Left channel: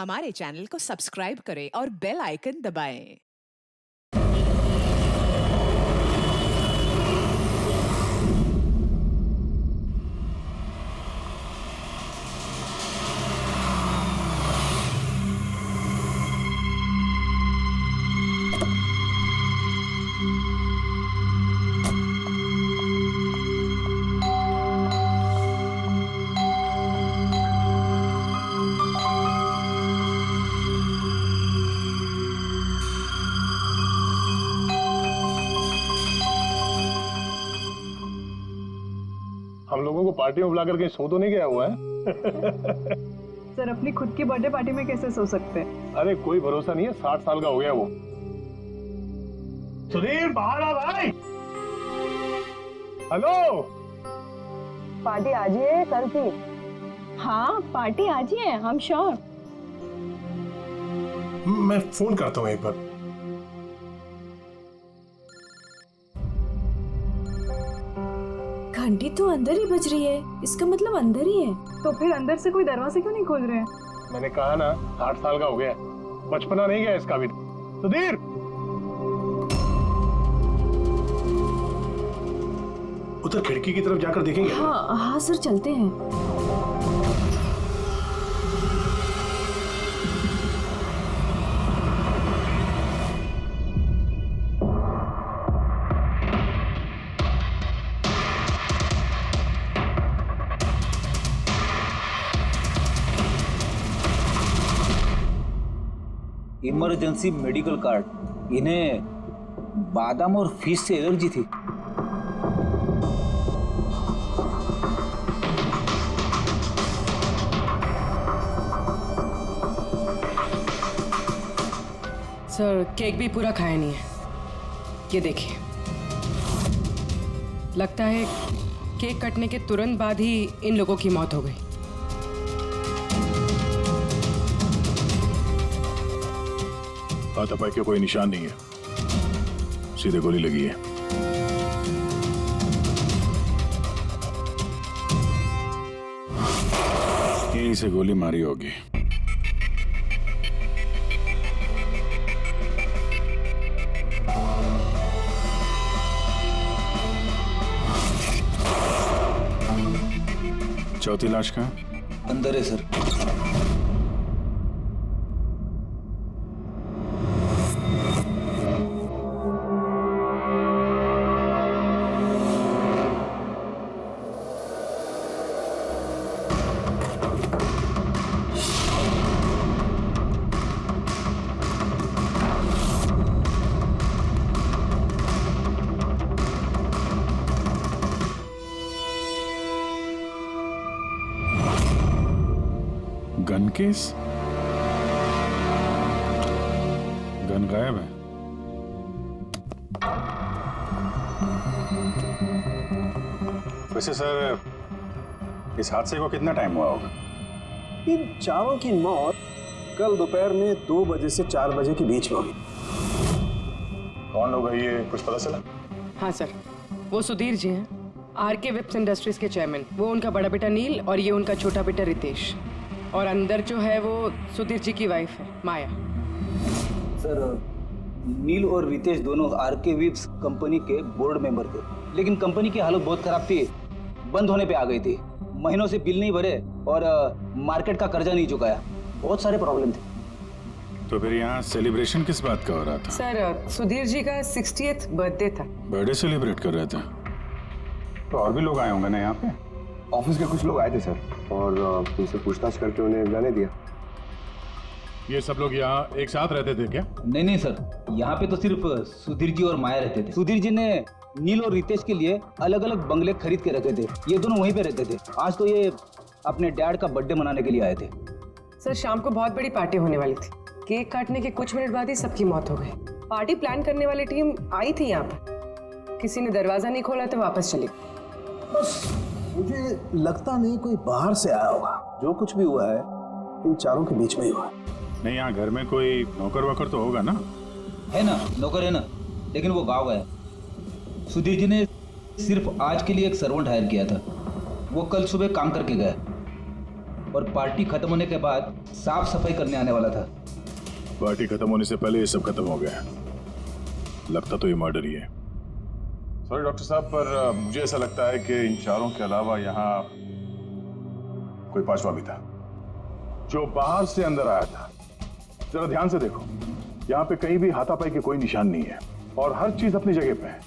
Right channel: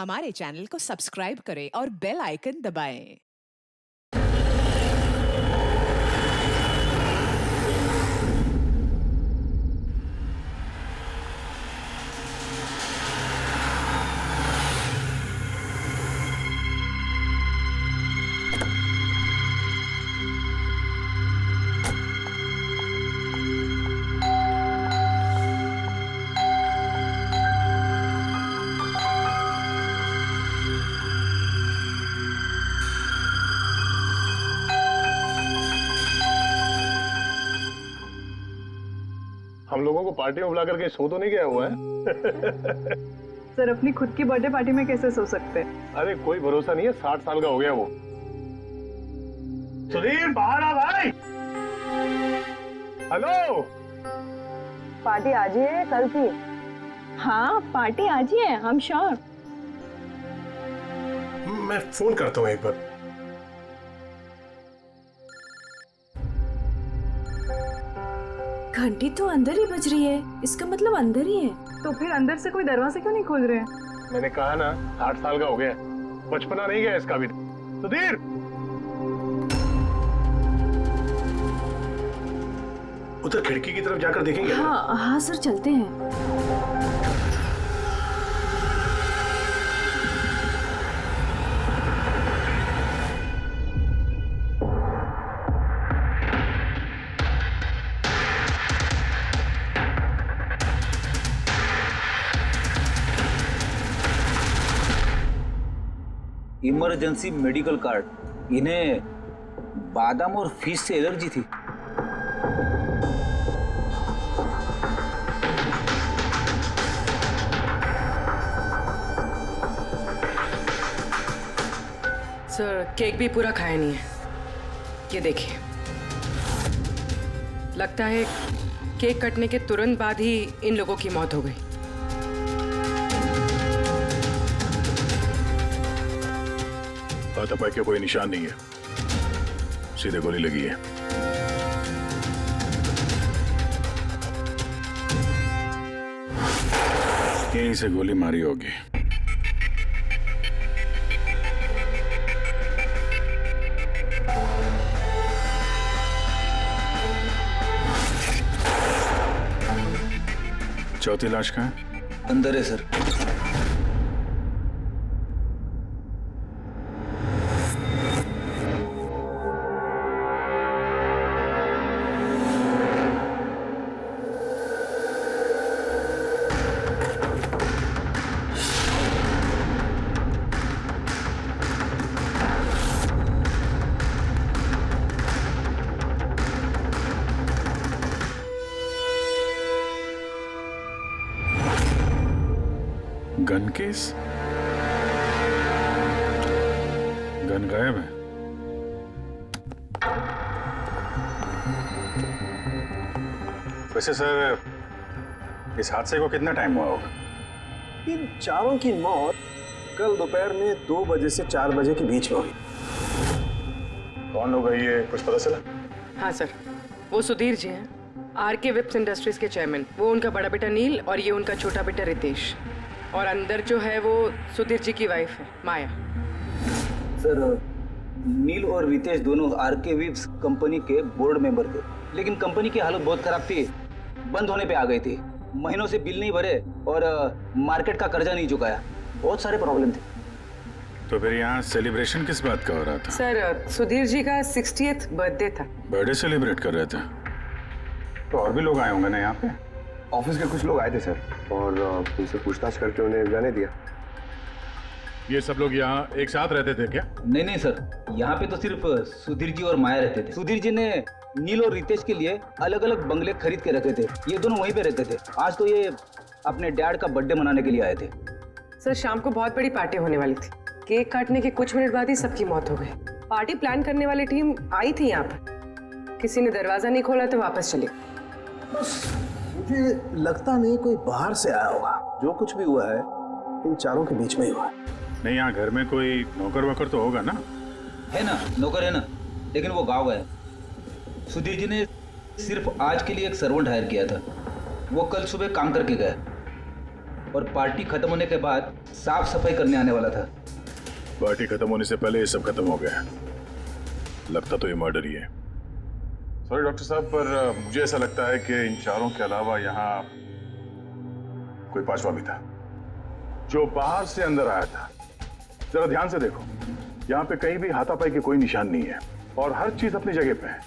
हमारे चैनल को सब्सक्राइब करें और बेल आइकन दबाएं। हम लोगों को पार्टी में बुलाकर कहीं सो तो नहीं गया हुआ है? सर अपनी खुद की बर्थडे पार्टी में कैसे सो सकते हैं? अरे कोई भरोसा नहीं है, 60 साल का हो गया वो। सुधीर बाहर आ भाई। हेलो, पार्टी आज ही है कल की? हाँ पार्टी आज ही है, हम श्योर। मैं फोन करता हूँ एक बार। घंटी तो अंदर ही बज रही है, इसका मतलब अंदर ही है। तो फिर अंदर से कोई दरवाजा क्यों नहीं खोल रहे हैं? मैंने कहा ना 60 साल का हो गया, बचपना नहीं गया इसका भी। सुधीर, उधर खिड़की की तरफ जाकर देखेंगे। हाँ हाँ सर, चलते हैं। Emergency medical card. इन्हें बादाम और फिश से एलर्जी थी। सर केक भी पूरा खाया नहीं है, ये देखिए। लगता है केक कटने के तुरंत बाद ही इन लोगों की मौत हो गई। हाथापाई के कोई निशान नहीं है, सीधे गोली लगी है। यहीं से गोली मारी होगी। चौथी लाश कहाँ है? अंदर है सर। Gun case? गन गायब है। वैसे सर, इस हादसे को कितना टाइम हुआ होगा? इन चारों की मौत कल दोपहर में 2 बजे से 4 बजे के बीच में हुई। कौन लोग है ये, कुछ पता चला? हाँ सर, वो सुधीर जी हैं, आरके विप्स इंडस्ट्रीज के चेयरमैन। वो उनका बड़ा बेटा नील और ये उनका छोटा बेटा रितेश। और अंदर जो है वो सुधीर जी की वाइफ है माया। सर नील और रितेश दोनों आरके विप्स कंपनी के बोर्ड मेंबर थे, लेकिन कंपनी की हालत बहुत खराब थी, बंद होने पे आ गई थी। महीनों से बिल नहीं भरे और मार्केट का कर्जा नहीं चुकाया, बहुत सारे प्रॉब्लम थे। तो फिर यहाँ सेलिब्रेशन किस बात का हो रहा था? सर सुधीर जी का 60th बर्थडे था। बर्थडे सेलिब्रेट कर रहे थे? तो और भी लोग आए होंगे ना यहाँ पे? ऑफिस के कुछ लोग आए थे सर, और उनसे पूछताछ करके उन्हें जाने दिया। ये सब लोग यहाँ एक साथ रहते थे क्या? नहीं सर, यहाँ पे तो सिर्फ सुधीर जी और माया रहते थे। सुधीर जी ने नील और रितेश के लिए अलग अलग बंगले खरीद के रखे थे, ये दोनों वहीं पे रहते थे। आज तो ये अपने डैड का बर्थडे मनाने के लिए आए थे। सर शाम को बहुत बड़ी पार्टी होने वाली थी, केक काटने के कुछ मिनट बाद ही सबकी मौत हो गई। पार्टी प्लान करने वाली टीम आई थी यहाँ पर, किसी ने दरवाजा नहीं खोला तो वापस चली। बस मुझे लगता नहीं कोई बाहर से आया होगा। जो कुछ भी हुआ है इन चारों के बीच में ही हुआ है। नहीं, यहाँ घर में कोई नौकर वोकर तो होगा ना? है ना, नौकर है ना, लेकिन वो गाँव गया। सुधीर जी ने सिर्फ आज के लिए एक सर्वेंट हायर किया था, वो कल सुबह काम करके गया। और पार्टी खत्म होने के बाद साफ सफाई करने आने वाला था। पार्टी खत्म होने से पहले ये सब खत्म हो गया। लगता तो ये मर्डर ही है। सॉरी डॉक्टर साहब, पर मुझे ऐसा लगता है कि इन चारों के अलावा यहाँ कोई पांचवा भी था जो बाहर से अंदर आया था। जरा ध्यान से देखो, यहाँ पे कहीं भी हाथापाई के कोई निशान नहीं है और हर चीज अपनी जगह पे है।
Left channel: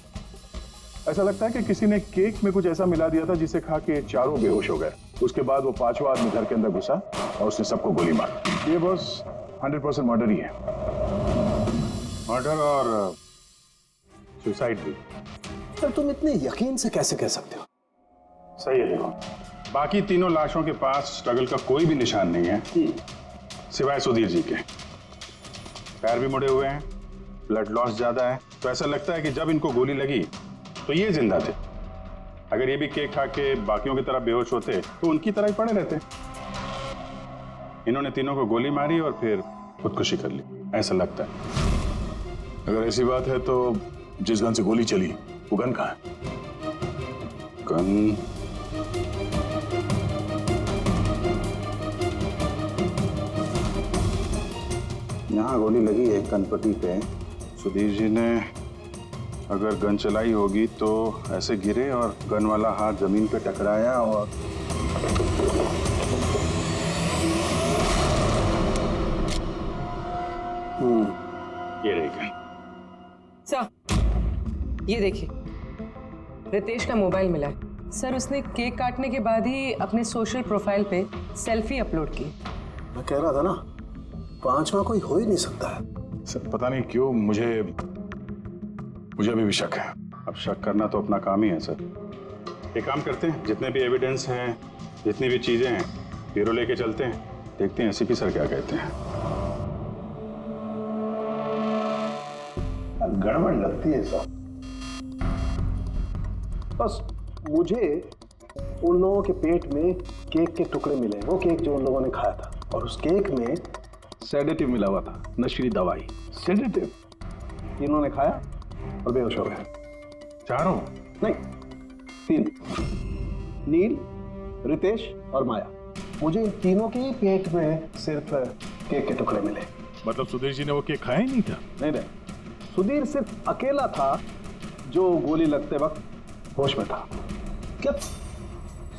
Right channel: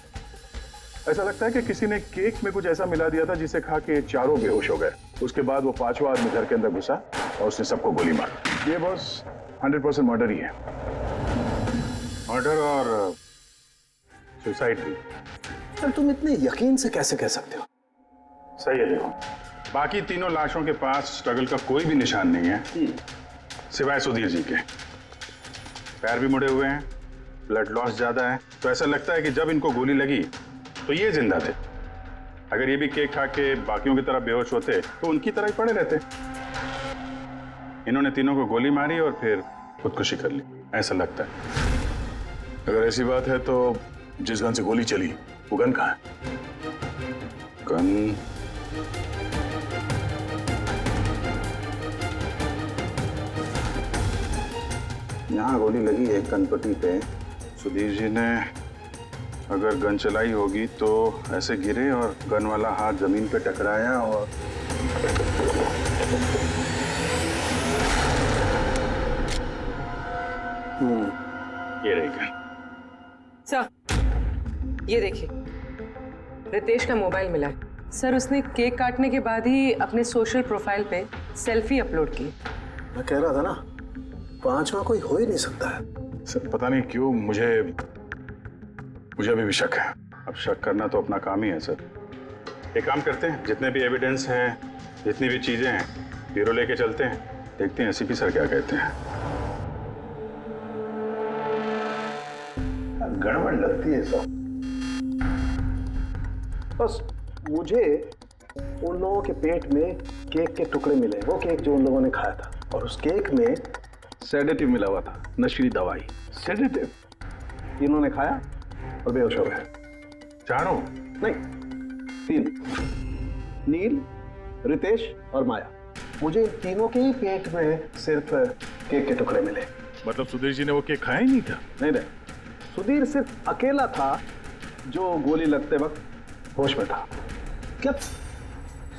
ऐसा लगता है कि किसी ने केक में कुछ ऐसा मिला दिया था जिसे खा के चारों बेहोश हो गए। उसके बाद वो पांचवा आदमी घर के अंदर घुसा और उसने सबको गोली मारी। ये बस 100% मर्डर ही है। मर्डर और सुसाइड भी। सर तुम इतने यकीन से कैसे कह सकते हो? सही है। देखो, बाकी तीनों लाशों के पास स्ट्रगल का कोई भी निशान नहीं है सिवाय सुधीर जी के। पैर भी मुड़े हुए हैं, ब्लड लॉस ज्यादा है, तो ऐसा लगता है कि जब इनको गोली लगी तो ये जिंदा थे। अगर ये भी केक खा के बाकियों की तरह बेहोश होते तो उनकी तरह ही पड़े रहते। इन्होंने तीनों को गोली मारी और फिर खुदकुशी कर ली, ऐसा लगता है। अगर ऐसी बात है तो जिस गन से गोली चली वो गन कहाँ है? गन यहाँ गोली लगी है गणपति पे। सुधीर जी ने अगर गन चलाई होगी तो ऐसे गिरे और गन वाला हाथ जमीन पे टकराया और ये रही गन। सर, ये देखिए, रितेश का मोबाइल मिला है। सर, उसने केक काटने के बाद ही अपने सोशल प्रोफाइल पे सेल्फी अपलोड की। मैं कह रहा था ना, पांचवा कोई हो ही नहीं सकता है। सर पता नहीं क्यों मुझे अभी भी शक है। अब शक करना तो अपना काम ही है सर। एक काम करते हैं, जितने भी एविडेंस हैं, जितनी भी चीजें हैं, ब्यूरो लेके चलते हैं, देखते हैं एसीपी सर क्या कहते हैं। गड़बड़ लगती है सब। बस मुझे उन लोगों के पेट में केक के टुकड़े मिले, वो केक जो उन लोगों ने खाया था, और उस केक में सेडेटिव मिला हुआ था, नशीली दवाई। सेडेटिव इन्होंने खाया और बेहोश हो गए। चारों? नहीं, 3, नील, रितेश और माया। मुझे इन तीनों के ही पेट में सिर्फ केक के टुकड़े मिले। मतलब सुधीर जी ने वो केक खाया ही नहीं था? नहीं, सुधीर सिर्फ अकेला था जो गोली लगते वक्त होश में था। क्या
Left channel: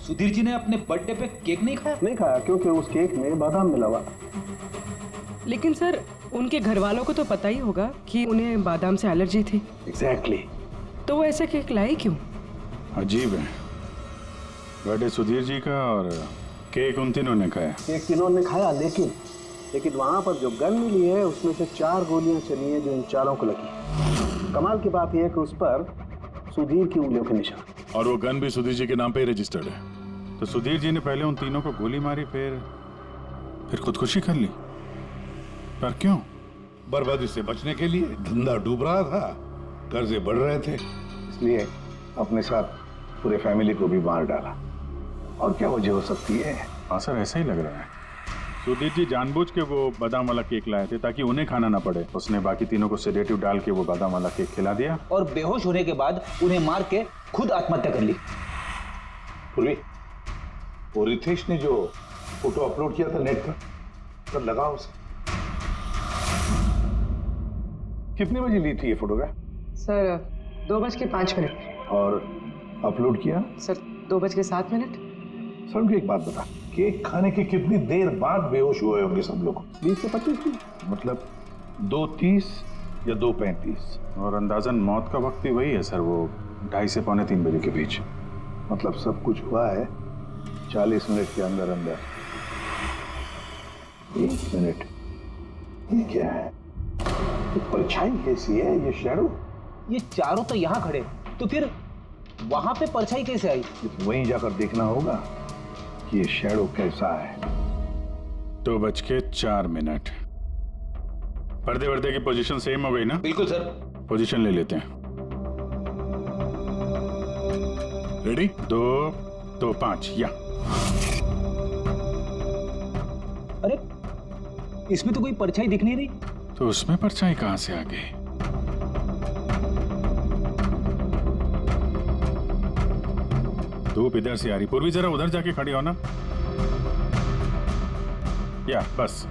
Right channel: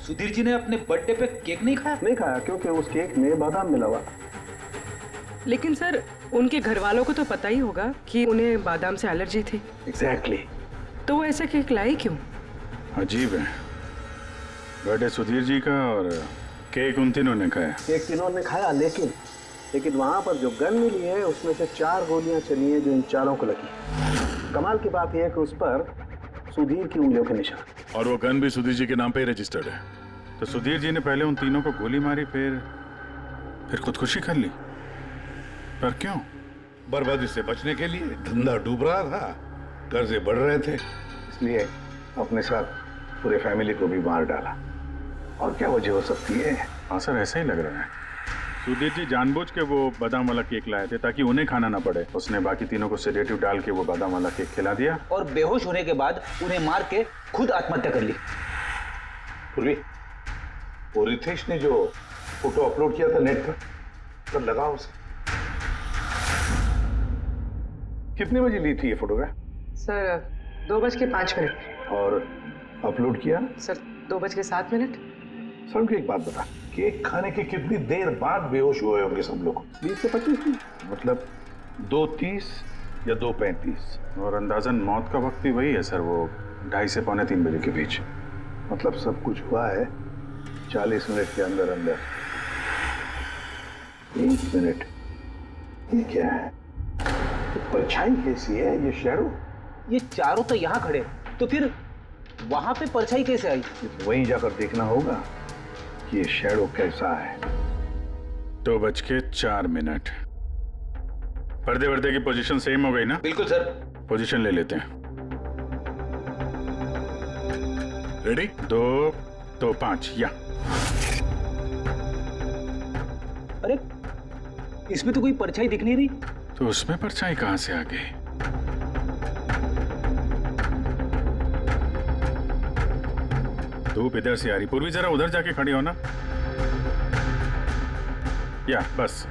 सुधीर जी ने अपने बर्थडे पे केक नहीं खाया? नहीं खाया, क्योंकि उस केक में बादाम मिला हुआ था। लेकिन सर, उनके घर वालों को तो पता ही होगा कि उन्हें बादाम से एलर्जी थी। एग्जैक्टली। तो वो ऐसा केक लाई क्यों? अजीब है, बर्थडे सुधीर जी का और केक उन तीनों ने खाया। केक तीनों ने खाया, लेकिन वहां पर जो गन मिली है उसमें से 4 गोलियां चली हैं जो इन चारों को लगी। कमाल की बात यह है कि उस पर सुधीर की उंगलियों के निशान। और वो गन भी सुधीर जी के नाम पे ही रजिस्टर्ड है। तो सुधीर जी ने पहले उन तीनों को गोली मारी, फिर खुदकुशी कर ली। पर क्यों? बर्बादी से बचने के लिए। धंधा डूब रहा था, कर्जे बढ़ रहे थे, इसलिए अपने साथ पूरे फैमिली को भी मार डाला। और क्या वजह हो सकती है? हाँ सर, ऐसा ही लग रहा है। सुधीर जी जानबूझ के वो बादाम वाला केक लाए थे ताकि उन्हें खाना ना पड़े। उसने बाकी तीनों को सेडेटिव डाल के वो बादाम वाला केक खिला दिया और बेहोश होने के बाद उन्हें मार के खुद आत्महत्या कर ली। पूर्वी, वो रितेश ने जो फोटो अपलोड किया था नेट पर, कब लगा उसे? कितने बजे ली थी ये फोटोग्राफ? सर, 2:05। और अपलोड किया? सर, 2:07। सर मुझे एक बात बता, केक खाने के कितनी देर बाद बेहोश हुए होंगे सब लोग? 20 से 25 मिनट, मतलब 2:30 या 2:35। और अंदाजन मौत का वक्त भी वही है सर, वो 2:30 से 2:45 बजे के बीच। मतलब सब कुछ हुआ है 40 मिनट के अंदर अंदर। 1 मिनट, ये क्या है? ये परछाई कैसी है? ये शैडो? ये चारों तो यहाँ खड़े, तो फिर वहां पे परछाई कैसे आई? वहीं जाकर देखना होगा कि ये शैडो कैसा है। 2:04। पर्दे वर्दे की पोजीशन सेम हो गई ना? बिल्कुल सर। पोजीशन ले लेते हैं। रेडी? 2, 2, 5 या। अरे इसमें तो कोई परछाई दिख नहीं रही। तो उसमें परछाई कहां से आ गई? धूप इधर से आ रही। पूर्वी जरा उधर जाके खड़ी हो ना। या बस।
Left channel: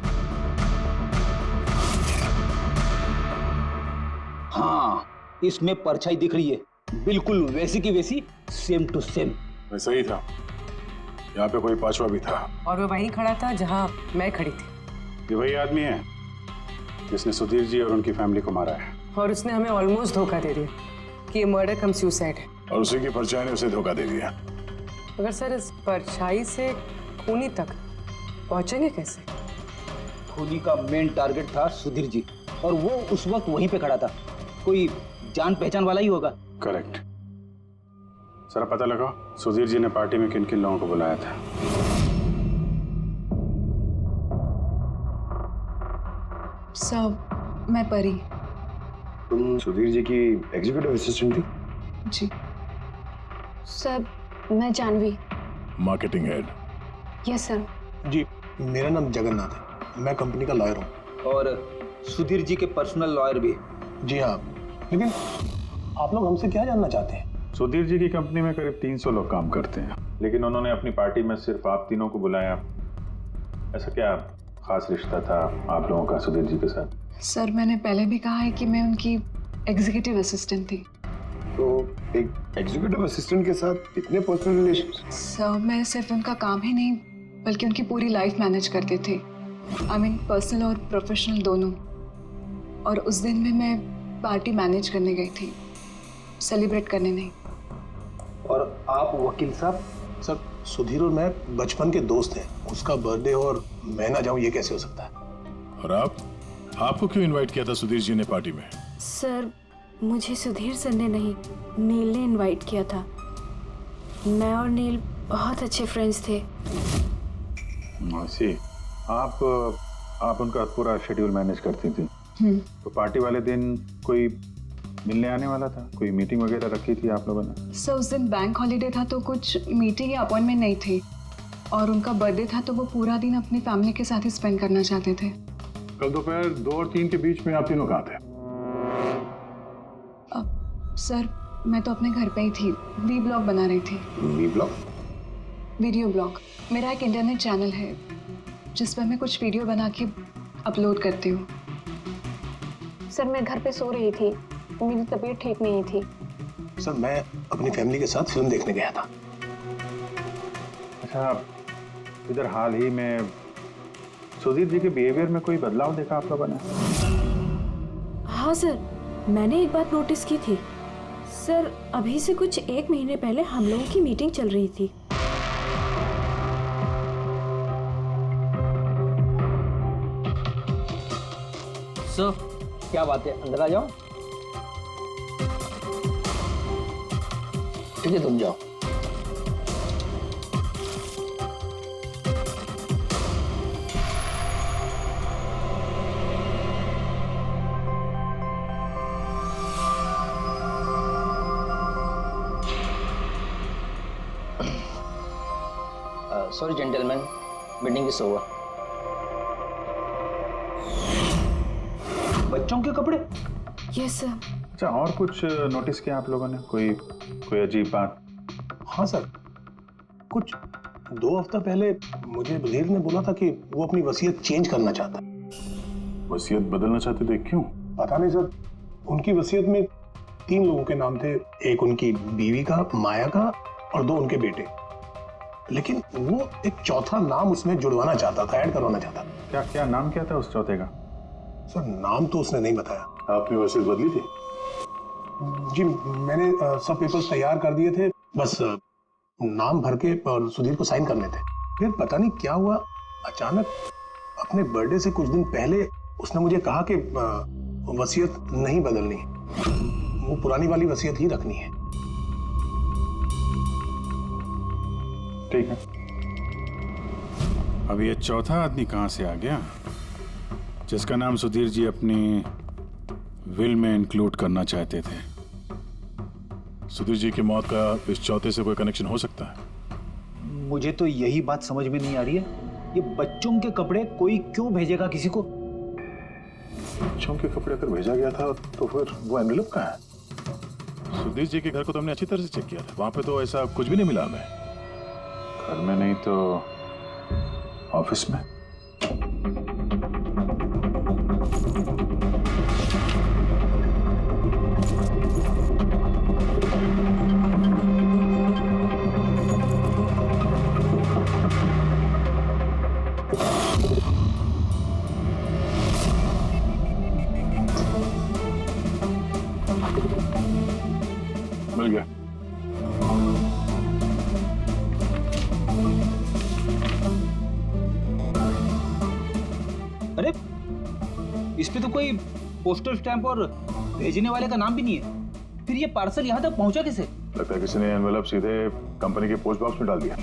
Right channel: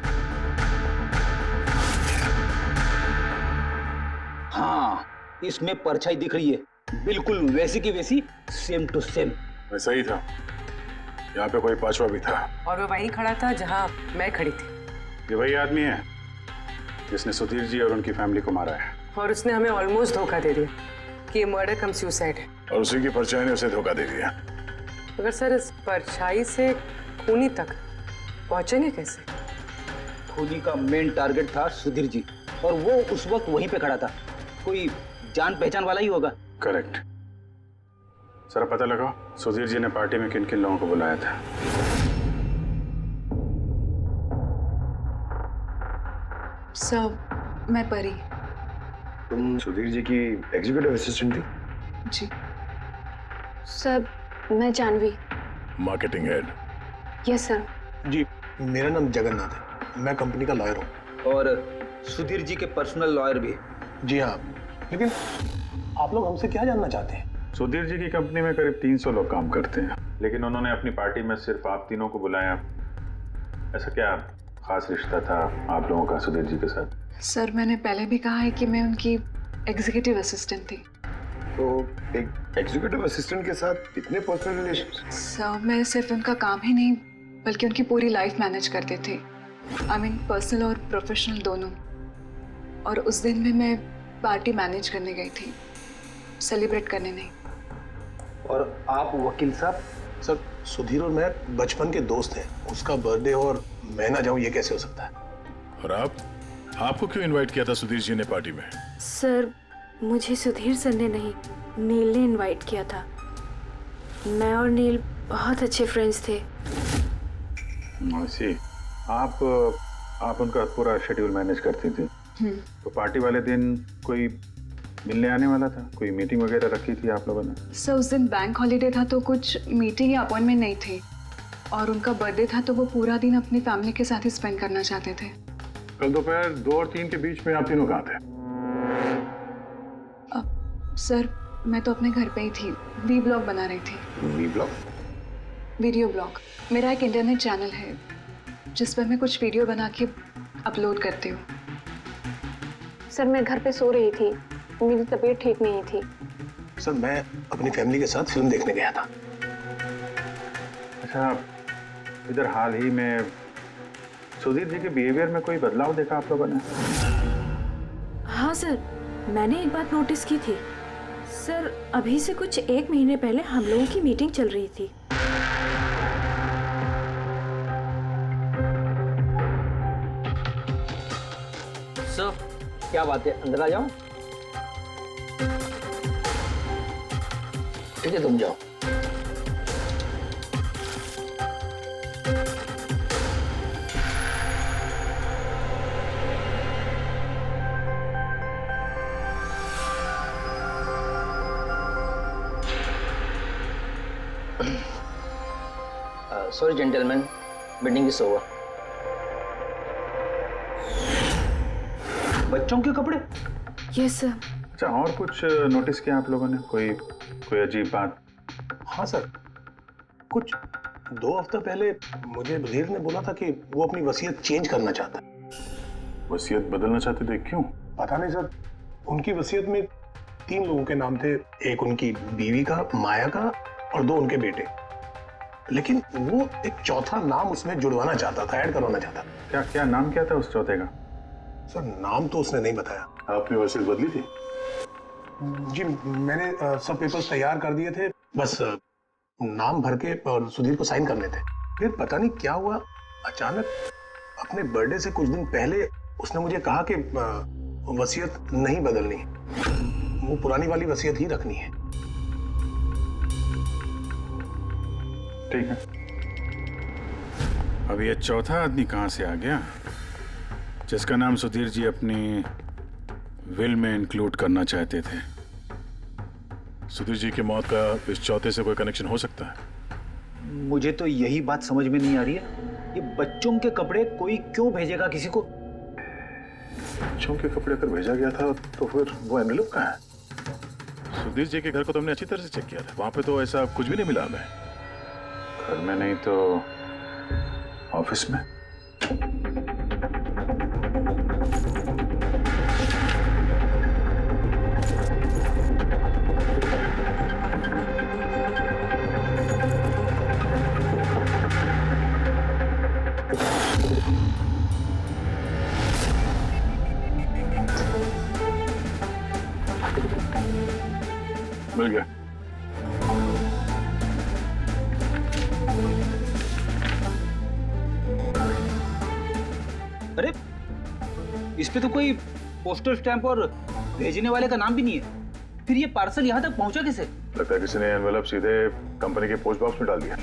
हाँ, इसमें परछाई दिख रही है, बिल्कुल वैसी की वैसी, सेम टू सेम। वैसा ही था, यहाँ पे कोई पांचवा भी था। और वो वहीं खड़ा था जहां मैं खड़ी थी। ये वही आदमी है जिसने सुधीर जी और उनकी फैमिली को मारा है। और उसने हमें ऑलमोस्ट धोखा दे दिया कि ये मर्डर कम सुसाइड है। और उसी की परछाई ने उसे धोखा दे दिया। मगर सर, इस परछाई से खूनी तक पहुंचेंगे कैसे? खूनी का मेन टारगेट था सुधीर जी, और वो उस वक्त वहीं पे खड़ा था। कोई जान पहचान वाला ही होगा। करेक्ट। सर पता लगा सुधीर जी ने पार्टी में किन किन लोगों को बुलाया था। सर, मैं परी। तुम सुधीर जी की एग्जीक्यूटिव असिस्टेंट थी? जी। सर, मैं Jahnavi. Marketing head. Yes sir. जी, मेरा नाम जगन्नाथ है, मैं कंपनी का लॉयर हूँ। और सुधीर जी के पर्सनल लॉयर भी। जी हाँ, लेकिन आप लोग हमसे क्या जानना चाहते हैं? सुधीर जी की कंपनी में करीब 300 लोग काम करते हैं, लेकिन उन्होंने अपनी पार्टी में सिर्फ आप तीनों को बुलाया। ऐसा क्या खास रिश्ता था आप लोगों का सुधीर जी के साथ? सर, मैंने पहले भी कहा है कि मैं उनकी एग्जीक्यूटिव असिस्टेंट थी। तो एक एग्जीक्यूटिव असिस्टेंट के साथ इतने पर्सनल रिलेशन? सर, मैं सिर्फ उनका काम ही नहीं बल्कि उनकी पूरी लाइफ मैनेज करते थे। आई मीन पर्सनल और प्रोफेशनल दोनों। और उस दिन में मैं पार्टी मैनेज करने गई थी, सेलिब्रेट करने नहीं। और आप वकील साहब? सर, सुधीर और मैं बचपन के दोस्त हैं। उसका बर्थडे और मैं ना जाऊं, ये कैसे हो सकता है? और आपको क्यों इनवाइट किया था सुधीर जी ने पार्टी में? सर, मुझे सुधीर सर ने नहीं, नील ने इनवाइट किया था। मैं और नील बहुत अच्छे फ्रेंड्स थे। सी, आप उनका पूरा शेड्यूल मैनेज करती थी। तो पार्टी वाले दिन कोई मिलने आने वाला था? कोई मीटिंग वगैरह रखी थी आप लोगों ने? सर, उस दिन बैंक हॉलीडे था तो कुछ मीटिंग या अपॉइंटमेंट नहीं थी। और उनका बर्थडे था तो वो पूरा दिन अपनी फैमिली के साथ ही स्पेंड करना चाहते थे। कल दोपहर 2 और 3 के बीच में आप तीनों कहाँ थे? सर, मैं तो अपने घर पे ही थी, वी ब्लॉग बना रही थी। V blog? Video blog. मेरा एक इंटरनेट चैनल है जिस पर मैं कुछ वीडियो बना के अपलोड करती हूँ। सर, मैं घर पे सो रही थी, मेरी तबीयत ठीक नहीं थी। सर, मैं अपनी फैमिली के साथ फिल्म देखने गया था। अच्छा, इधर हाल ही में सुधीर जी के बिहेवियर में कोई बदलाव देखा आप लोगों ने? हाँ सर, मैंने एक बात नोटिस की थी। सर, अभी से कुछ 1 महीने पहले हम लोगों की मीटिंग चल रही थी। सर, क्या बात है, अंदर आ जाओ। ठीक है, तुम जाओ। Sorry gentleman, meeting is over. बच्चों के कपड़े? Yes sir. अच्छा, और कुछ नोटिस किया आप लोगों ने? कोई अजीब बात? हाँ सर, कुछ 2 हफ्ता पहले मुझे बधीर ने बोला था कि वो अपनी वसीयत चेंज करना चाहता है। वसीयत बदलना चाहते थे, क्यों? पता नहीं सर, उनकी वसीयत में 3 लोगों के नाम थे। एक उनकी बीवी का, माया का, और 2 उनके बेटे। लेकिन वो एक चौथा नाम उसमें जुड़वाना चाहता था, ऐड करवाना चाहता था। क्या नाम क्या था उस चौथे का? सर, नाम तो उसने नहीं बताया। आपने वसीयत बदली थी? जी, मैंने सब पेपर्स तैयार कर दिए थे, बस नाम भर के और सुधीर को साइन करने थे। फिर पता नहीं क्या हुआ, अचानक अपने बर्थडे से कुछ दिन पहले उसने मुझे कहा कि वसीयत नहीं बदलनी, वो पुरानी वाली वसीयत ही रखनी है। ठीक है, अब ये चौथा आदमी कहां से आ गया जिसका नाम सुधीर जी अपनी विल में इंक्लूड करना चाहते थे? सुधीर जी की मौत का इस चौथे से कोई कनेक्शन हो सकता है? मुझे तो यही बात समझ में नहीं आ रही है, ये बच्चों के कपड़े कोई क्यों भेजेगा किसी को? बच्चों के कपड़े अगर भेजा गया था तो फिर वो एनवेलप कहाँ है? सुधीर जी के घर को तो हमने अच्छी तरह से चेक किया था, वहां पे तो ऐसा कुछ भी नहीं मिला हमें। घर में नहीं तो ऑफिस में? मिल गया। अरे इस पे तो कोई पोस्टल स्टैंप और भेजने वाले का नाम भी नहीं है। फिर ये पार्सल यहाँ तक पहुँचा कैसे? लगता है किसी ने एनवेलप सीधे कंपनी के पोस्ट बॉक्स में डाल दिया।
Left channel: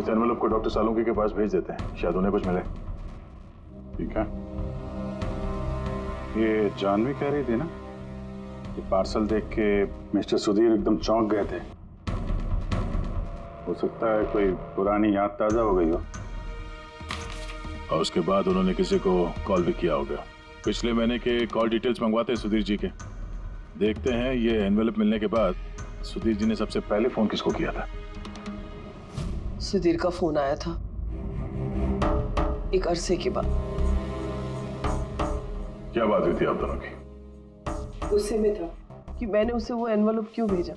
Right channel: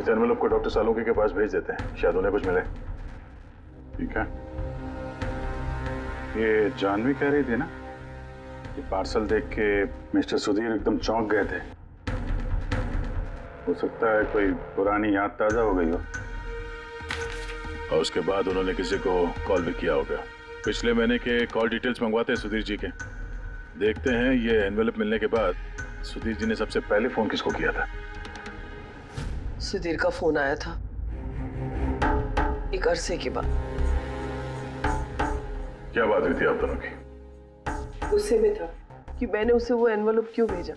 इस एनवेलप को डॉक्टर सालुंकी के पास भेज देते हैं, शायद उन्हें कुछ मिले। ठीक है। ये जानवी कह रही थी ना, ये पार्सल देख के मिस्टर सुधीर एकदम चौंक गए थे। हो सकता है कोई पुरानी याद ताजा हो गई हो। और उसके बाद उन्होंने किसी को कॉल भी किया होगा। पिछले महीने के कॉल डिटेल्स मंगवाते हैं सुधीर जी के। देखते हैं ये एनवेलप मिलने के बाद सुधीर जी ने सबसे पहले फोन किसको किया था। सुधीर का फोन आया था एक अरसे के बाद। क्या बात हुई थी आप दोनों की? गुस्से में था कि मैंने उसे वो एनवेलप क्यों भेजा,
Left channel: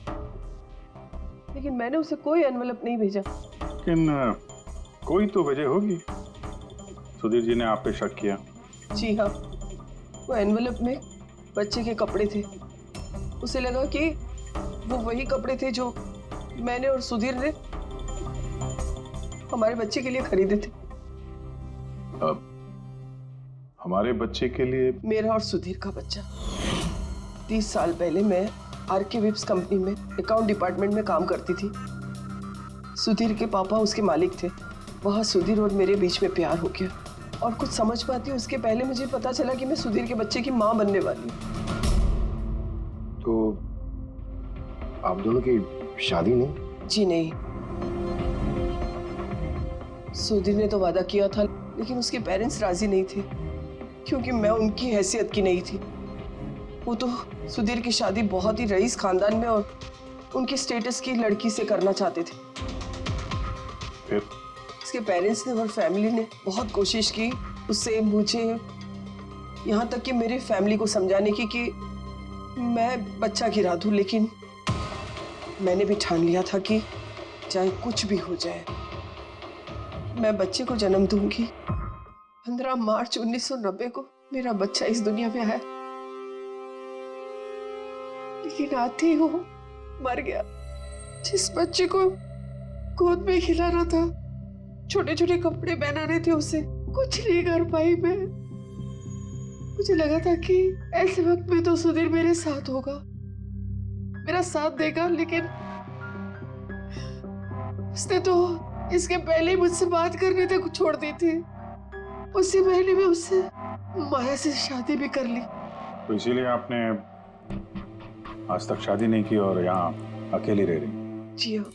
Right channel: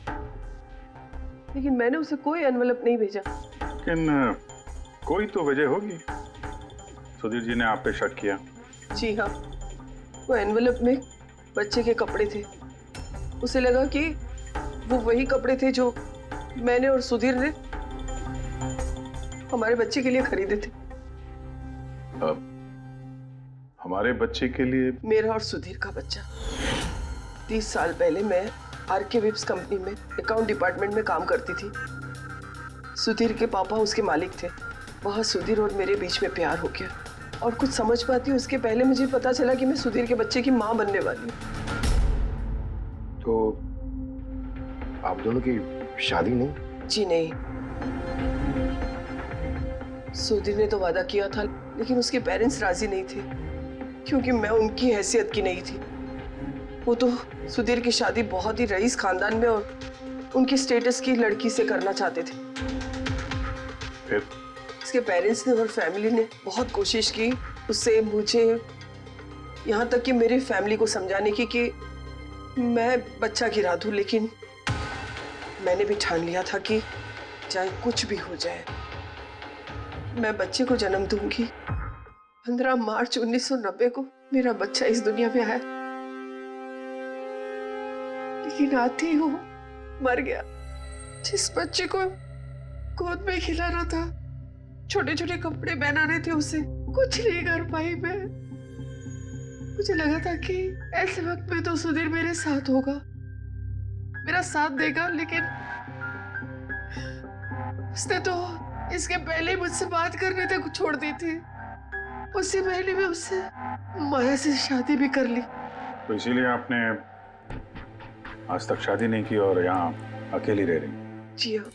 लेकिन मैंने उसे कोई एनवेलप नहीं भेजा। लेकिन कोई तो वजह होगी। सुधीर जी ने आप पे शक किया। जी हाँ, वो एनवेलप में बच्चे के कपड़े थे। उसे लगा कि वो वही कपड़े थे जो मैंने और सुधीर ने हमारे बच्चे के लिए खरीदे थे। अब हमारे बच्चे के लिए? मेरा और सुधीर का बच्चा। 30 साल पहले मैं आरके विप्स कंपनी में अकाउंट डिपार्टमेंट में काम करती थी। सुधीर के पापा उसके मालिक थे। वहाँ सुधीर और मेरे बीच में प्यार हो गया, और कुछ समझ पाती उसके पहले मुझे पता चला कि मैं सुधीर के बच्चे की माँ बनने वाली हूँ। तो आप दोनों की शादी नहीं? जी नहीं। सुधीर ने तो वादा किया था, लेकिन उसके पेरेंट्स राजी नहीं थे, क्योंकि मैं उनकी हैसियत की नहीं थी। वो तो सुधीर की शादी बहुत ही रईस खानदान में और उनकी स्टेटस की लड़की से करना चाहते थे। फिर उसके पेरेंट्स ने और फैमिली ने बहुत कोशिश की उससे, मुझे, यहाँ तक कि मेरी फैमिली को समझाने की कि मैं बच्चा गिरा दूं, लेकिन मैंने भी ठान लिया था कि चाहे कुछ भी हो जाए मैं बच्चे को जन्म दूंगी। 15 मार्च 1990 को मेरा बच्चा इस दुनिया में आया, लेकिन आते ही वो मर गया। जिस बच्चे को गोद में खिलाना था, छोटे छोटे कपड़े पहनाने थे, उसे कुछ नहीं कर पाई मैं। मुझे लगा था कि ऐसे वक्त में तो सुधीर मेरे साथ होगा, मेरा साथ देगा, लेकिन उसने तो इसके पहले ही मुझसे बात करने तक छोड़ दी थी। उसी महीने में उससे माया से शादी भी कर ली। तो इसीलिए आपने आज तक शादी नहीं की और यहाँ अकेली रह रही? जी हाँ।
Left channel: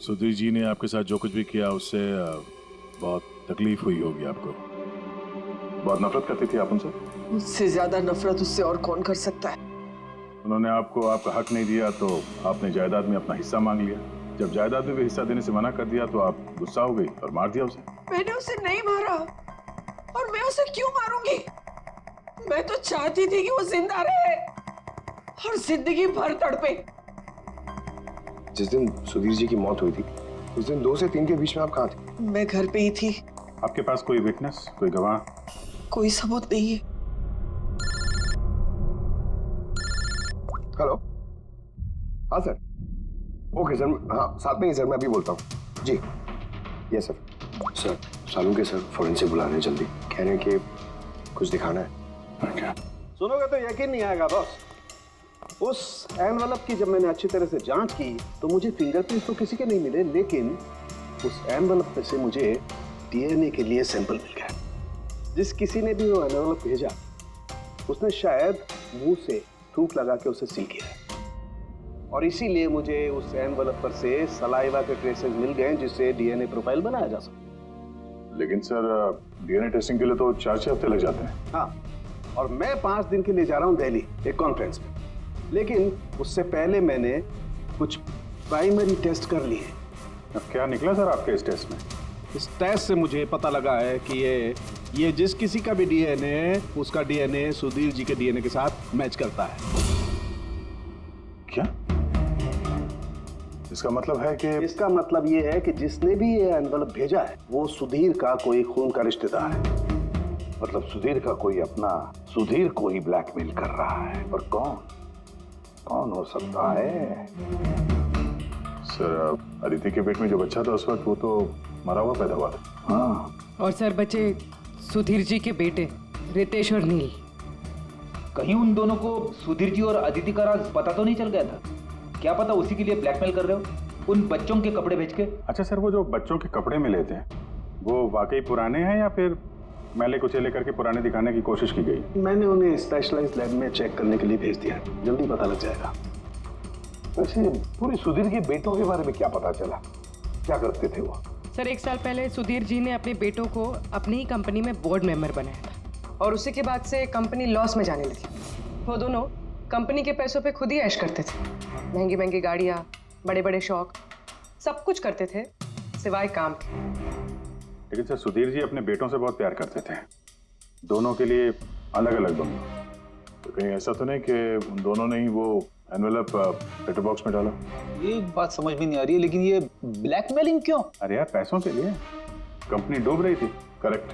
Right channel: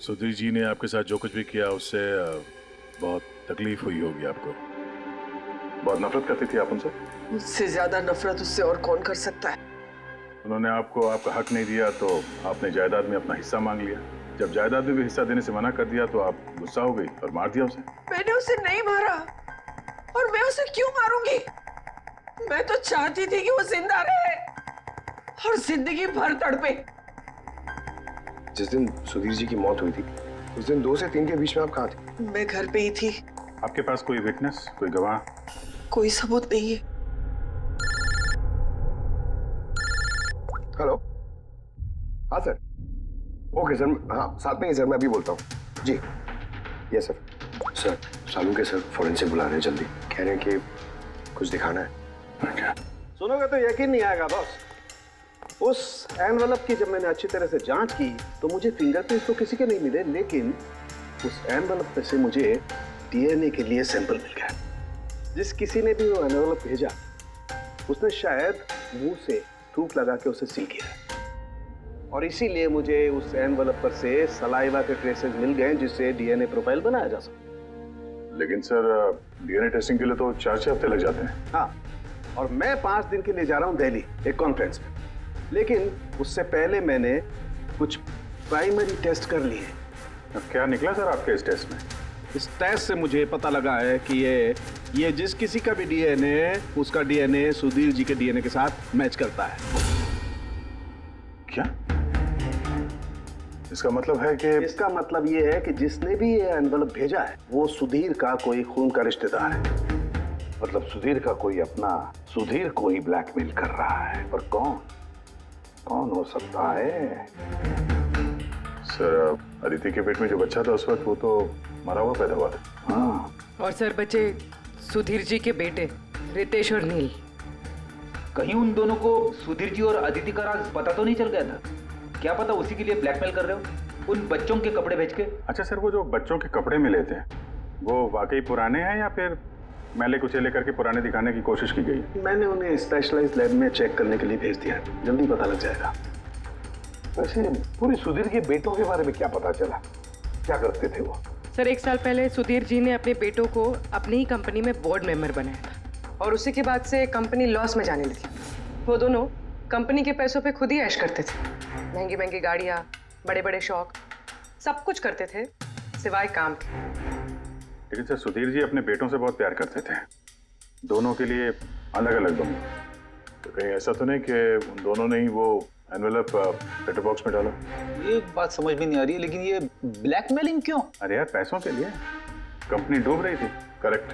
सुधीर जी ने आपके साथ जो कुछ भी किया उससे बहुत तकलीफ हुई होगी आपको। बहुत नफरत करती थी आप उनसे? मुझसे ज्यादा नफरत उससे और कौन कर सकता है। उन्होंने आपको आपका हक नहीं दिया तो आपने जायदाद में अपना हिस्सा मांग लिया। जब जायदाद में भी हिस्सा देने से मना कर दिया तो आप गुस्सा हो गई और मार दिया उसे। मैंने उसे नहीं मारा, और मैं उसे क्यों मारूंगी? मैं तो चाहती थी कि वो जिंदा रहे और जिंदगी भर तड़पे। जिस दिन सुधीर जी की मौत हुई थी उस दिन 2 से 3 के बीच में आप कहाँ थे? मैं घर पे ही थी। आपके पास कोई विटनेस, कोई गवाह? कोई सबूत नहीं है। हेलो, हाँ सर। ओके सर, हाँ साथ में ही सर, मैं अभी बोलता हूँ जी। Yes sir. Sir Salunke sir forensic बुला रहे हैं, जल्दी कह रहे हैं कि कुछ दिखाना है। सुनोगे तो यकीन नहीं आएगा बॉस। उस एनवेलप की जब मैंने अच्छी तरह से जांच की तो मुझे फिंगरप्रिंट्स तो किसी के नहीं मिले, लेकिन उस एनवेलप में से मुझे डीएनए के लिए सैंपल मिल गया। जिस किसी ने भी वो एनवेलप भेजा उसने शायद मुंह से थूक लगा के उसे सील किया है, और इसीलिए मुझे उस एनवेलप पर से सलाइवा के ट्रेसेस मिल गए जिससे डीएनए प्रोफाइल बनाया जा सके। लेकिन सर डीएनए टेस्टिंग के लिए तो 4-6 हफ्ते लग जाते हैं। हाँ, और मैं 5 दिन के लिए जा रहा हूँ दिल्ली एक कॉन्फ्रेंस में। लेकिन उससे पहले मैंने कुछ प्राइमरी टेस्ट कर लिए। अब क्या निकला सर आपके इस टेस्ट में? इस टेस्ट से मुझे पता लगा है कि ये जिस किसी का भी डीएनए है, उसका डीएनए सुधीर जी के डीएनए के साथ मैच करता है। क्या? इसका मतलब है कि इसका मतलब ये है कि जिसने भी ये एनवलप भेजा है वो सुधीर का कोई खून का रिश्तेदार है। मतलब सुधीर का कोई अपना सुधीर को ही ब्लैकमेल कर रहा है। पर कौन हो सकता है? सर, अदिति के पेट में जो बच्चा था उस वक्त वो तो मरा हुआ पैदा हुआ था। हाँ। और सर बचे सुधीर जी के बेटे रितेश और नील। कहीं उन दोनों को सुधीर जी और अदिति का राज पता तो नहीं चल गया था? क्या पता उसी के लिए ब्लैकमेल कर रहे हो उन बच्चों के कपड़े भेज के। अच्छा सर, वो जो बच्चों के कपड़े मिले थे वो वाकई पुराने हैं या फिर मैले कुचेले करके पुराने दिखाने की कोशिश की गई? मैंने उन्हें स्पेशलाइज्ड लैब में चेक करने के लिए भेज दिया, जल्दी पता लग जाएगा। वैसे पूरे सुधीर के बेटों के बारे में क्या पता चला? क्या करते थे वो? सर 1 साल पहले सुधीर जी ने अपने बेटों को अपनी ही कंपनी में बोर्ड मेंबर बनाया था और उसी के बाद से कंपनी लॉस में जाने लगी। वो दोनों कंपनी के पैसों पे खुद ही ऐश करते थे। महंगी महंगी गाड़ियाँ, बड़े बड़े शौक, सब कुछ करते थे सिवाय काम के। लेकिन सर सुधीर जी अपने बेटों से बहुत प्यार करते थे, दोनों के लिए अलग अलग बंगले। तो कहीं ऐसा तो नहीं कि उन दोनों ने ही वो एनवेलप लेटर बॉक्स में डाला? ये बात समझ में नहीं आ रही है, लेकिन ये ब्लैकमेलिंग क्यों? अरे यार पैसों के लिए, कंपनी डूब रही थी। करेक्ट।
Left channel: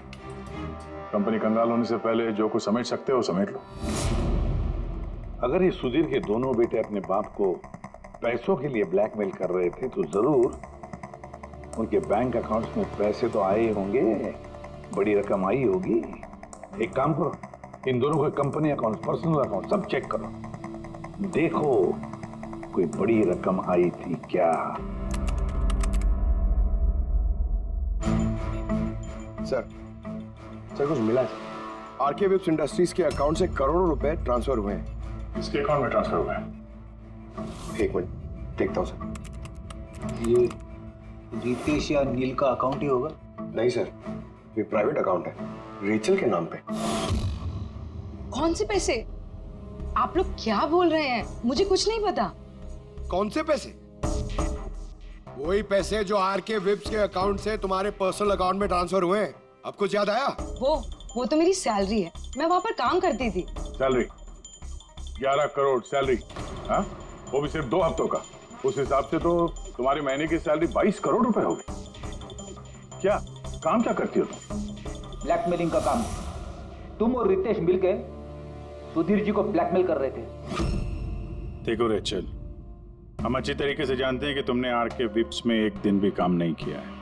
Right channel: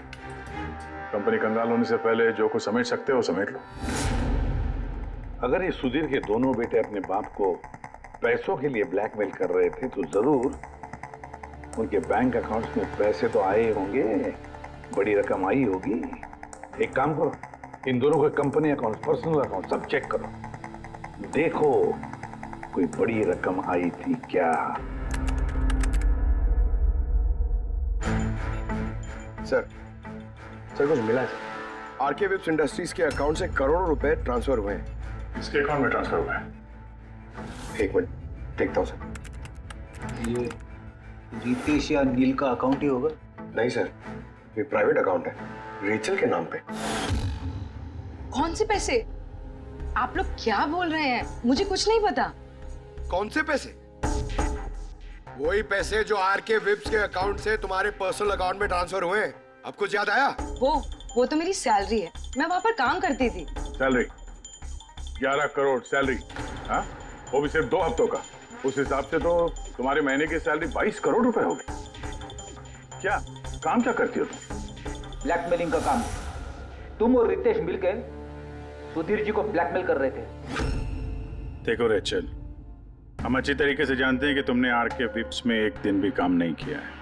कंपनी कंगाल होने से पहले जो कुछ समेट सकते हो समेट लो। अगर ये सुधीर के दोनों बेटे अपने बाप को पैसों के लिए ब्लैकमेल कर रहे थे तो जरूर उनके बैंक अकाउंट्स में पैसे तो आए होंगे, बड़ी रकम आई होगी। एक काम करो, इन दोनों के कंपनी अकाउंट, पर्सनल अकाउंट सब चेक करो, देखो कोई बड़ी रकम आई थी क्या। सर कुछ मिला है? आरके विप्स इंडस्ट्रीज के अकाउंट से करोड़ों रुपए ट्रांसफर हुए हैं। इसके अकाउंट में ट्रांसफर हुआ है? एक मिनट देखता हूँ सर। ये रितेश या नील का अकाउंट ही होगा? नहीं सर, ये प्राइवेट अकाउंट है रेचल के नाम पे। कौन से पैसे? आप लोग क्या बोल रहे हैं? मुझे कुछ नहीं पता। कौन से पैसे? वही पैसे जो आरके विप्स के अकाउंट से तुम्हारे पर्सनल अकाउंट में ट्रांसफर हुए हैं। अब कुछ याद आया? वो तो मेरी सैलरी है, मैं वहां पर काम करती थी। Salary 11 crore salary? हाँ, वो भी सिर्फ 2 हफ्तों का। उस हिसाब से तो तुम्हारे महीने की सैलरी 22 करोड़ रुपए होगी। क्या काम क्या करती हो तुम? ब्लैकमेलिंग का काम। तुम और रितेश मिलकर सुधीर जी को ब्लैकमेल कर रहे थे। देखो रेचल, हम अच्छी तरीके से जानते हैं कि तुमने आरके विप्स में एक दिन भी काम नहीं किया है।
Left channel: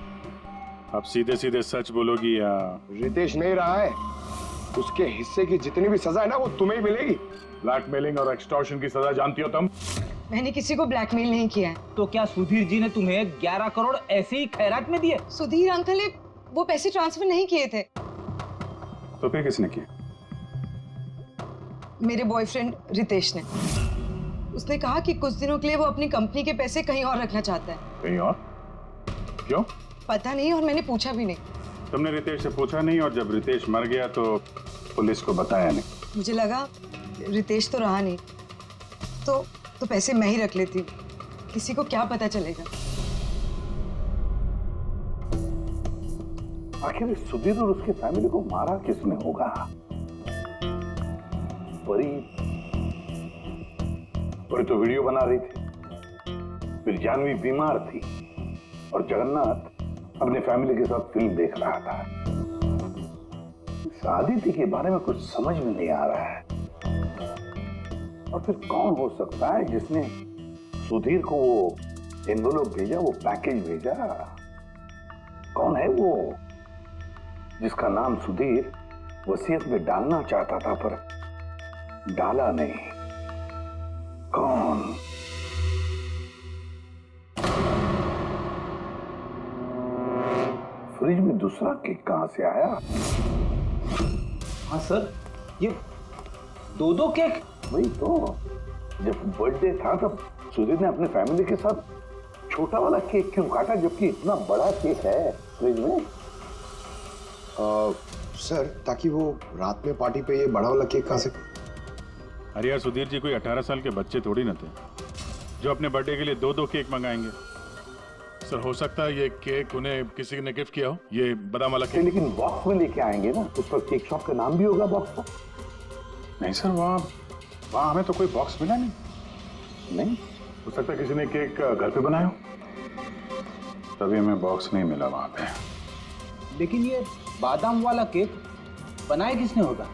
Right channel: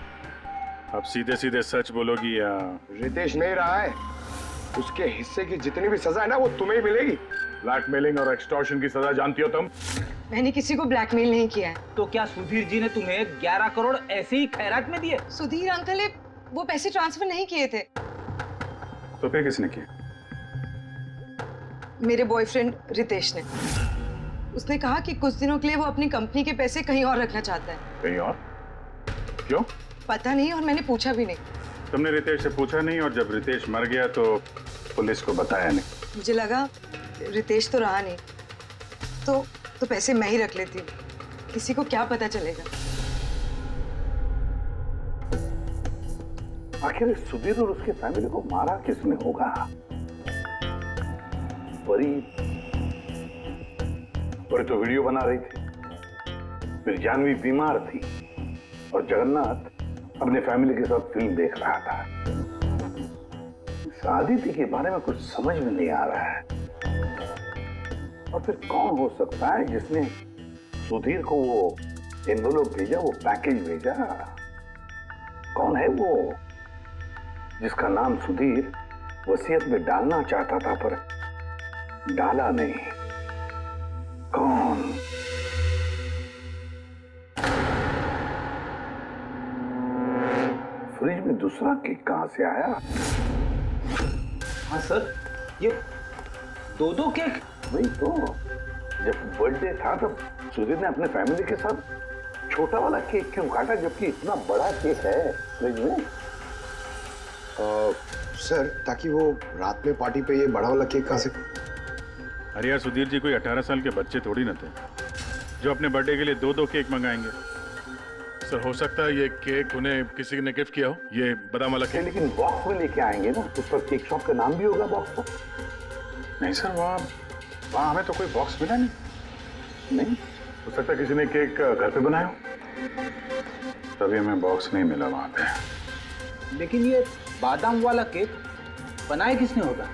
अब सीधे सीधे सच बोलोगी या? रितेश नहीं रहा है, उसके हिस्से की जितनी भी सजा है ना वो तुम्हें ही मिलेगी। ब्लैकमेलिंग और एक्सटॉर्शन की सजा जानती हो तुम? मैंने किसी को ब्लैकमेल नहीं किया है। तो क्या सुधीर जी ने तुम्हें 11 करोड़ ऐसे ही खैरात में दिए? सुधीर अंकल ने वो पैसे ट्रांसफर नहीं किए थे। तो फिर किसने किया? मेरे बॉयफ्रेंड रितेश ने। उसने कहा कि कुछ दिनों के लिए वो अपनी कंपनी के पैसे कहीं और रखना चाहता है। कहीं और? क्यों? पता नहीं, और मैंने पूछा भी नहीं। तुमने रितेश से पूछा नहीं, और जब रितेश मर गया तो पुलिस को बताया नहीं? मुझे लगा रितेश तो रहा नहीं, तो पैसे मैं ही रख लेती हूँ, किसी को क्या पता चलेगा। आखिर सुधीर और उसके फैमिली को मारा किसने होगा? परी तो वीडियो बना रही थी, फिर जानवी बीमार थी और जगन्नाथ अपने फैमिली के साथ फिल्म देख रहा था। इस आदित्य के बारे में कुछ समझ में नहीं आ रहा है। और फिर कौन हो सकता है जिसने सुधीर को वो एनवेलप भेजा, वो पैकेज भेजा? कौन है वो जिसका नाम सुधीर वसीयत में डालना चाहता था पर डाला नहीं? कौन? फ्रिज में दूसरा केक कहां से आया? हाँ सर, ये 2 केक। वही तो, जब बर्थडे था तब सुधीर ने अपने फैमिली के साथ छोटा वाला केक क्यों काटा, जबकि इतना बड़ा केक है फ्रिज में? सर, ताकि वो रात में पार्टी पे ये बड़ा वाला केक खा सके। अरे यार सुधीर जी कोई 18 साल के बच्चे थोड़ी ना थे जो अपने बर्थडे के लिए 2-2 केक मंगाएंगे। सर हो सकता है ये केक उन्हें किसी ने गिफ्ट किया हो, ये बादाम वाला केक। लेकिन बॉक्स में लेके आएंगे ना, उस पर केक शॉप का नाम भी होगा बॉक्स पर। नहीं सर, वहाँ हमें तो कोई बॉक्स मिला नहीं। नहीं हो सकता है किसी ने केक घर पे बनाया हो, तभी हमें बॉक्स नहीं मिला वहाँ पे। लेकिन ये बादाम वाला केक बनाया किसने होगा?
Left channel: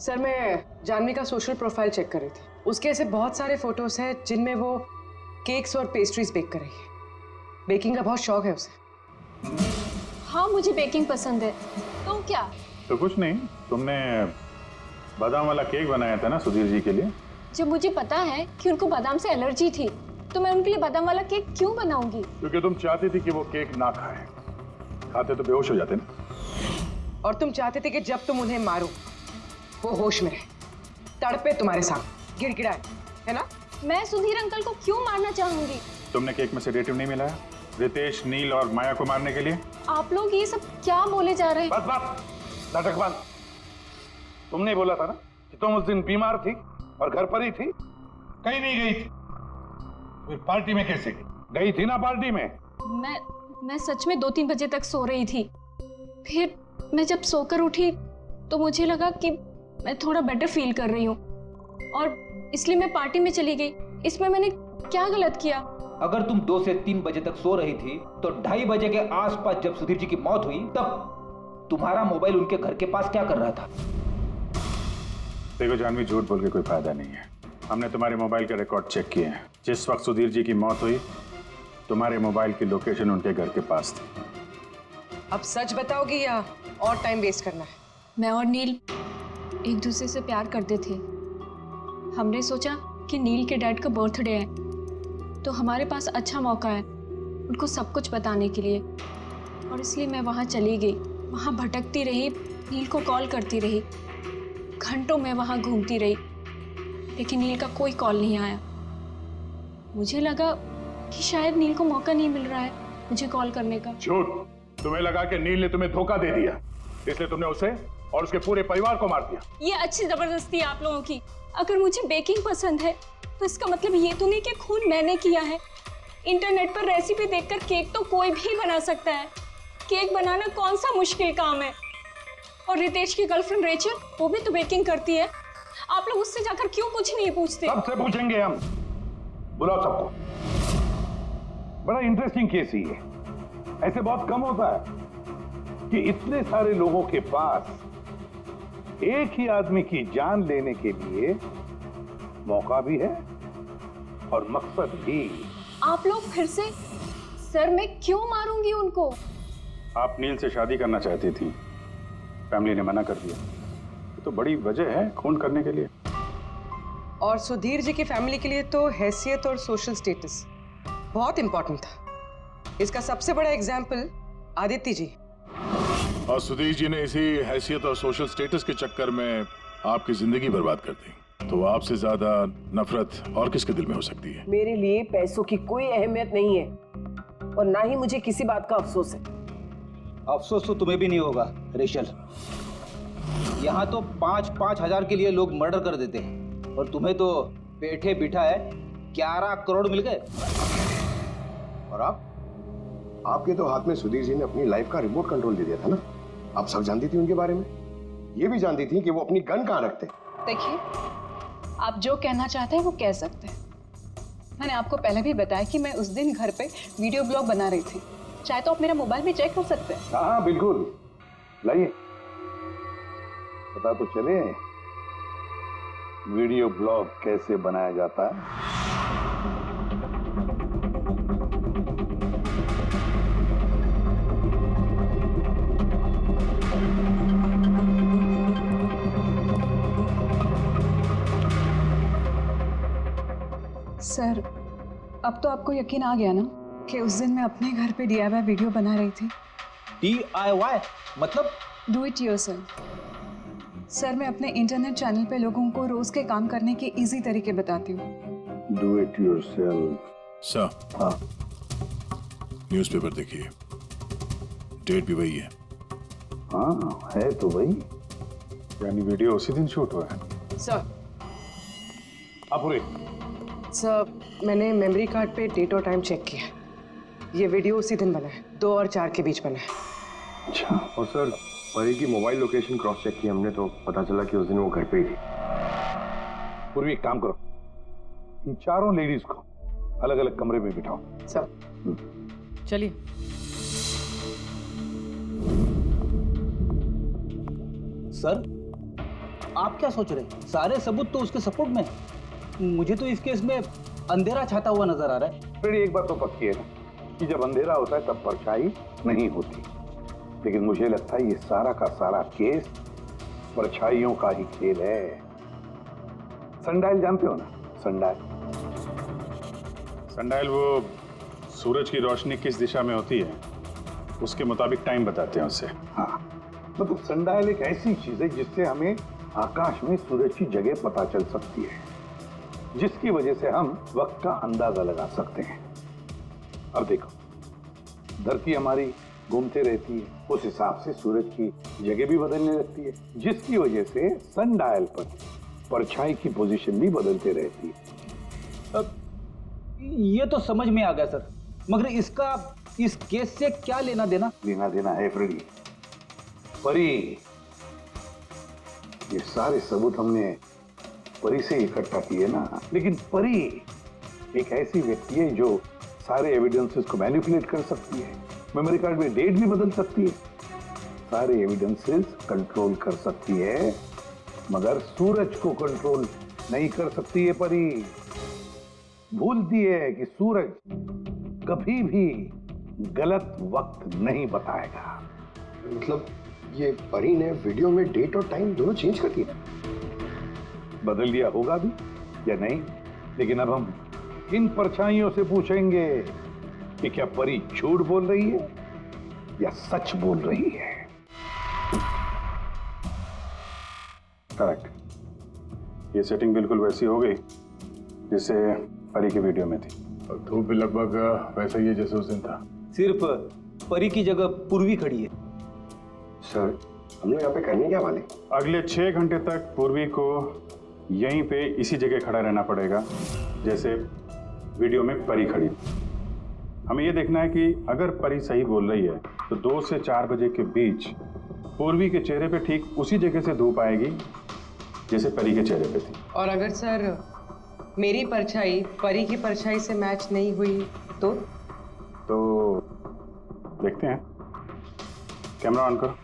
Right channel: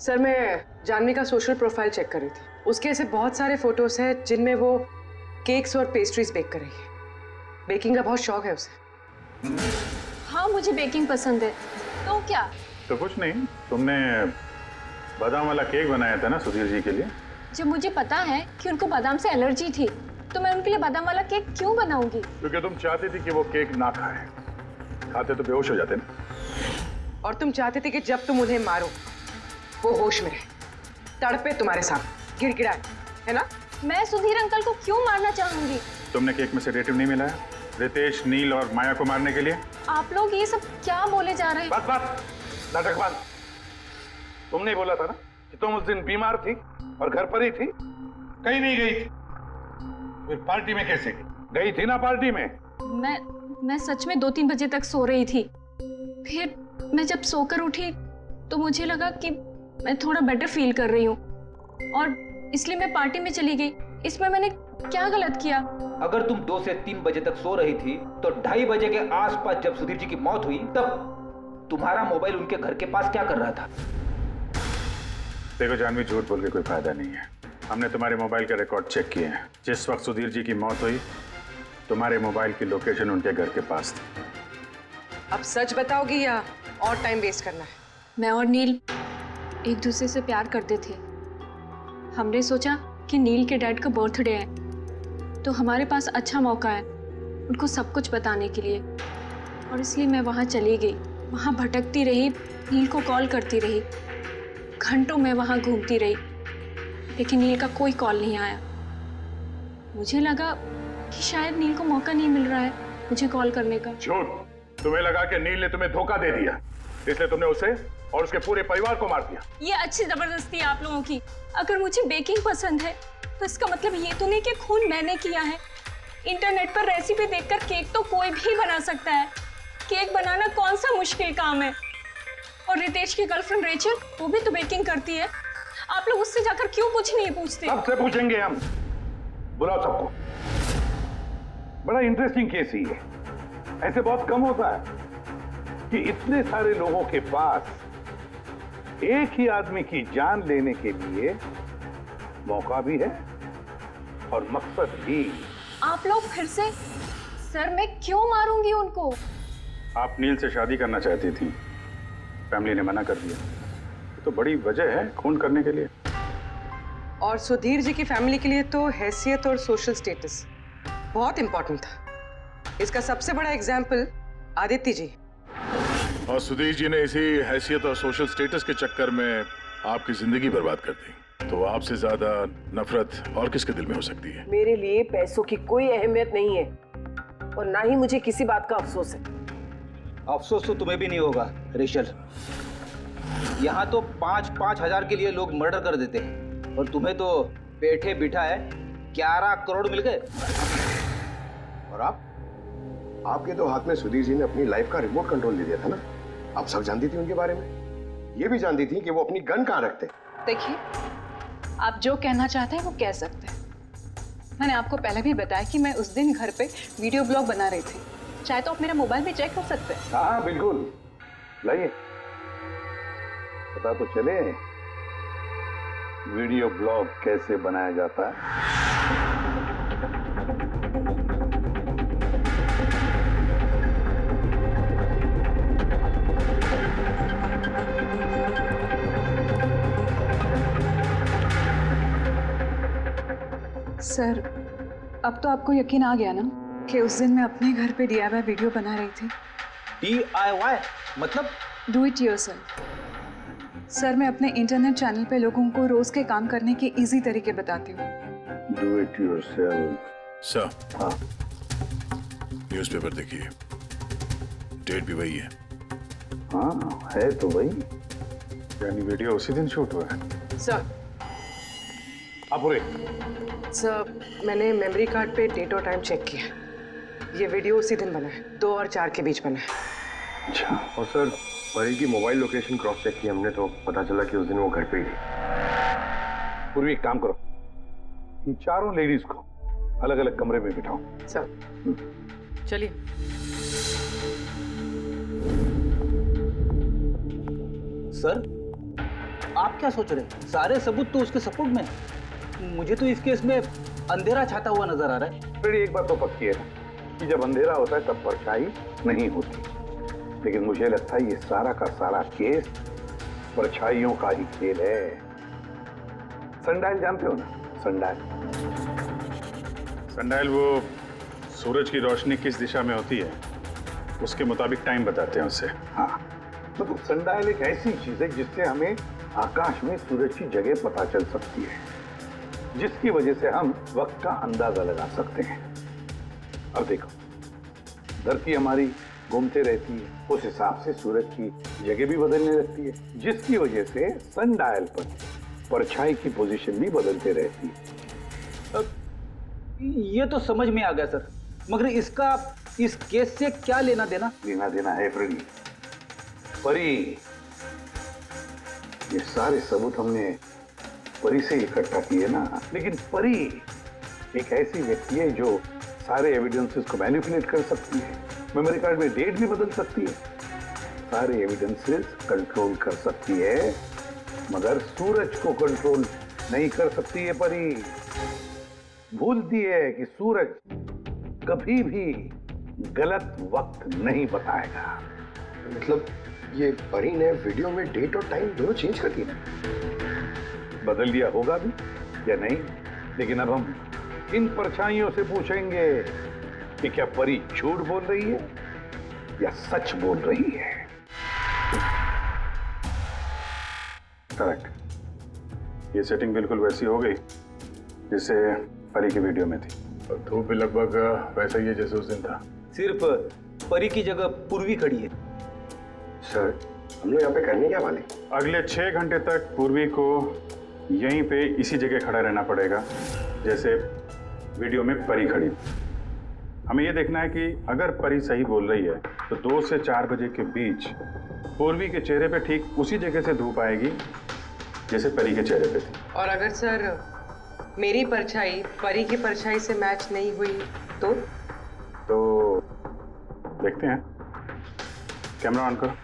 सर मैं जानवी का सोशल प्रोफाइल चेक कर रही थी। उसके ऐसे बहुत सारे फोटोज हैं जिनमें वो केक्स और पेस्ट्रीज बेक कर रही है। बेकिंग का बहुत शौक है उसे। हाँ मुझे बेकिंग पसंद है। तो क्या? तो कुछ नहीं, तुमने बादाम वाला केक बनाया था ना सुधीर जी के लिए। जब मुझे पता है कि उनको बादाम से एलर्जी थी तो मैं उनके लिए बादाम वाला केक क्यों बनाऊंगी? क्योंकि तुम चाहती थी कि वो केक ना खाए, खाते तो बेहोश हो जाते ना। और तुम चाहते थे कि जब तुम उन्हें मारो वो होश में रहे, तड़पे तुम्हारे सामने, गिड़गिड़ाए, है ना? मैं सुधीर अंकल को क्यों मारना चाहूंगी? तुमने केक में सेडेटिव नहीं मिलाया रितेश, नील और माया को मारने के लिए? आप लोग ये सब क्या बोले जा रहे हैं? बस नाटक बंद। तुमने बोला था ना कि तुम उस दिन बीमार थी और घर पर ही थी, कहीं नहीं गई थी। फिर पार्टी में कैसे गई थी ना? पार्टी में मैं सच में 2-3 बजे तक सो रही थी। फिर मैं जब सोकर उठी तो मुझे लगा कि मैं थोड़ा बेटर फील कर रही हूँ और इसलिए मैं पार्टी में चली गई। इसमें मैंने क्या गलत किया? अगर तुम 2 से 3 बजे तक सो रही थी तो 2:30 बजे के आसपास जब सुधीर जी की मौत हुई तब तुम्हारा मोबाइल उनके घर के पास क्या कर रहा था? देखो जानवी, झूठ बोल के कोई फायदा नहीं है। हमने तुम्हारे मोबाइल के रिकॉर्ड चेक किए हैं। जिस वक्त सुधीर जी की मौत हुई तुम्हारे मोबाइल की लोकेशन उनके घर के पास थी। अब सच बताओगी या और टाइम वेस्ट करना है? मैं और नील एक दूसरे से प्यार करते थे। हमने सोचा कि नील के डैड का बर्थडे है तो हमारे पास अच्छा मौका है उनको सब कुछ बताने के लिए, और इसलिए मैं वहाँ चली गई। वहाँ भटकती रही, नील को कॉल करती रही, घंटों में वहाँ घूमती रही, लेकिन नील का कोई कॉल नहीं आया। मुझे लगा कि शायद नील को मौका नहीं मिल रहा है मुझे कॉल करने का। झूठ। तुम्हें लगा कि नील ने तुम्हें धोखा दे दिया, इसलिए तुमने उसे और उसके पूरे परिवार को मार दिया। ये अच्छी जबरदस्ती है आप लोगों की। अगर मुझे बेकिंग पसंद है तो इसका मतलब ये तो नहीं कि खून मैंने किया है। इंटरनेट पर रेसिपी देखकर केक तो कोई भी बना सकता है। केक बनाना कौन सा मुश्किल काम है? और रितेश की गर्लफ्रेंड रेचल, वो भी तो बेकिंग करती है। आप लोग उससे जाकर क्यों कुछ नहीं पूछते? सबसे पूछेंगे हम। बुलाओ सबको। बड़ा इंटरेस्टिंग केस ही है। ऐसे बहुत कम होता है कि इतने सारे लोगों के पास एक ही आदमी की जान लेने के लिए मौका भी है और मकसद भी। आप लोग फिर से? सर मैं क्यों मारूंगी उनको? आप नील से शादी करना चाहती थी, फैमिली ने मना कर दिया। ये तो बड़ी वजह है खून करने के लिए। और सुधीर जी की फैमिली के लिए तो हैसियत और सोशल स्टेटस बहुत इंपॉर्टेंट था। इसका सबसे बड़ा एग्जाम्पल आदित्य जी। और सुधीर जी ने इसी हैसियत और सोशल स्टेटस के चक्कर में आपकी जिंदगी बर्बाद कर दी। तो आपसे ज्यादा नफरत और किसके दिल में हो सकती है? मेरे लिए पैसों की कोई अहमियत नहीं है और ना ही मुझे किसी बात का अफसोस है। अफसोस तो तुम्हें भी नहीं होगा रेशल। यहाँ तो 5-5 हजार के लिए लोग मर्डर कर देते हैं और तुम्हें तो बैठे बिठाए 11 करोड़ मिल गए। और आपके तो हाथ में सुधीर जी ने अपनी लाइफ का रिमोट कंट्रोल दे दिया था ना। आप सब जानती थी उनके बारे में, ये भी जानती थी कि वो अपनी गन कहाँ रखते हैं। देखिए, आप जो कहना चाहते हैं वो कह सकते हैं। मैंने आपको पहले भी बताया कि मैं उस दिन घर पे वीडियो ब्लॉग बना रही थी। चाहे तो आप मेरा मोबाइल भी चेक कर सकते हैं। हाँ बिल्कुल, लाइए पता तो चले वीडियो ब्लॉग कैसे बनाया जाता है। सर, अब तो आपको यकीन आ गया ना कि उस दिन मैं अपने घर पे DIY वीडियो बना रही थी। DIY मतलब? Do it yourself. सर, मैं अपने इंटरनेट चैनल पे लोगों को रोज के काम करने के इजी तरीके बताती हूँ। Do it yourself. सर, हाँ, न्यूज़पेपर देखिए, डेट भी वही है। हाँ है तो वही। यानी वीडियो उसी दिन शूट हुआ है? सर पूरे सर मैंने मेमोरी कार्ड पे डेट और टाइम चेक किया। ये वीडियो उसी दिन बना है, 2 और 4 के बीच बना है। अच्छा। और सर परी की मोबाइल लोकेशन क्रॉस चेक की हमने, तो पता चला कि उस दिन वो घर पे ही थी। पूर्वी एक काम करो, इन चारों लेडीज को अलग अलग कमरे में बिठाओ। सर चलिए। सर आप क्या सोच रहे हैं? सारे सबूत तो उसके सपोर्ट में है। मुझे तो इस केस में अंधेरा छाता हुआ नजर आ रहा है। फिर एक बात तो पक्की है ना कि जब अंधेरा होता है तब परछाई नहीं होती, लेकिन मुझे लगता है ये सारा का सारा केस परछाइयों का ही खेल है। सनडायल जानते हो ना? सनडायल सनडायल वो सूरज की रोशनी किस दिशा में होती है उसके मुताबिक टाइम बताते हैं उससे। हाँ, मतलब सनडायल एक ऐसी चीज है जिससे हमें आकाश में सूरज की जगह पता चल सकती है, जिसकी वजह से हम वक्त का अंदाजा लगा सकते हैं। अब देखो, धरती हमारी घूमते रहती है, उस हिसाब से सूरज की जगह भी बदलने लगती है, जिसकी वजह से सनडायल पर परछाई की पोजीशन भी बदलते रहती है। अब ये तो समझ में आ गया सर, मगर इसका इस केस से क्या लेना देना? लेना देना है फ्रेडी। परी, ये सारे सबूत हमने परी से इकट्ठा किए ना, लेकिन परी एक ऐसी व्यक्ति है जो सारे एविडेंसेस को मैनिपुलेट कर सकती है, मेमोरी कार्ड में डेट भी बदल सकती है, सारे एविडेंसेस कंट्रोल कर सकती है, मगर सूरज को कंट्रोल नहीं कर सकती है। परी भूलती है कि सूरज कभी भी गलत वक्त नहीं बताएगा। मतलब ये परी ने वीडियो में डेट और टाइम दोनों चेंज कर दिया? बदल दिया होगा भी या नहीं, लेकिन अब हम इन परछाइयों से पूछेंगे कि क्या परी झूठ बोल रही है या सच बोल रही है। करेक्ट, ये सेटिंग बिल्कुल वैसी हो गई जैसे परी की वीडियो में थी, और धूप भी लगभग वैसा ही है जैसे उस दिन था। सिर्फ परी की जगह पूर्वी खड़ी है। सर हम लोग यहाँ पे करने क्या वाले? अगले 6 घंटे तक पूर्वी को यहीं पे इसी जगह खड़ा रहना पड़ेगा जैसे वीडियो में परी खड़ी। हमें यह देखना है कि अगर परी सही बोल रही है तो 2 से 4 बजे के बीच पूर्वी के चेहरे पे ठीक उसी जगह से धूप आएगी जैसे परी के चेहरे पे थी। और अगर सर मेरी परछाई परी की परछाई से मैच नहीं हुई तो देखते हैं। कैमरा ऑन करो।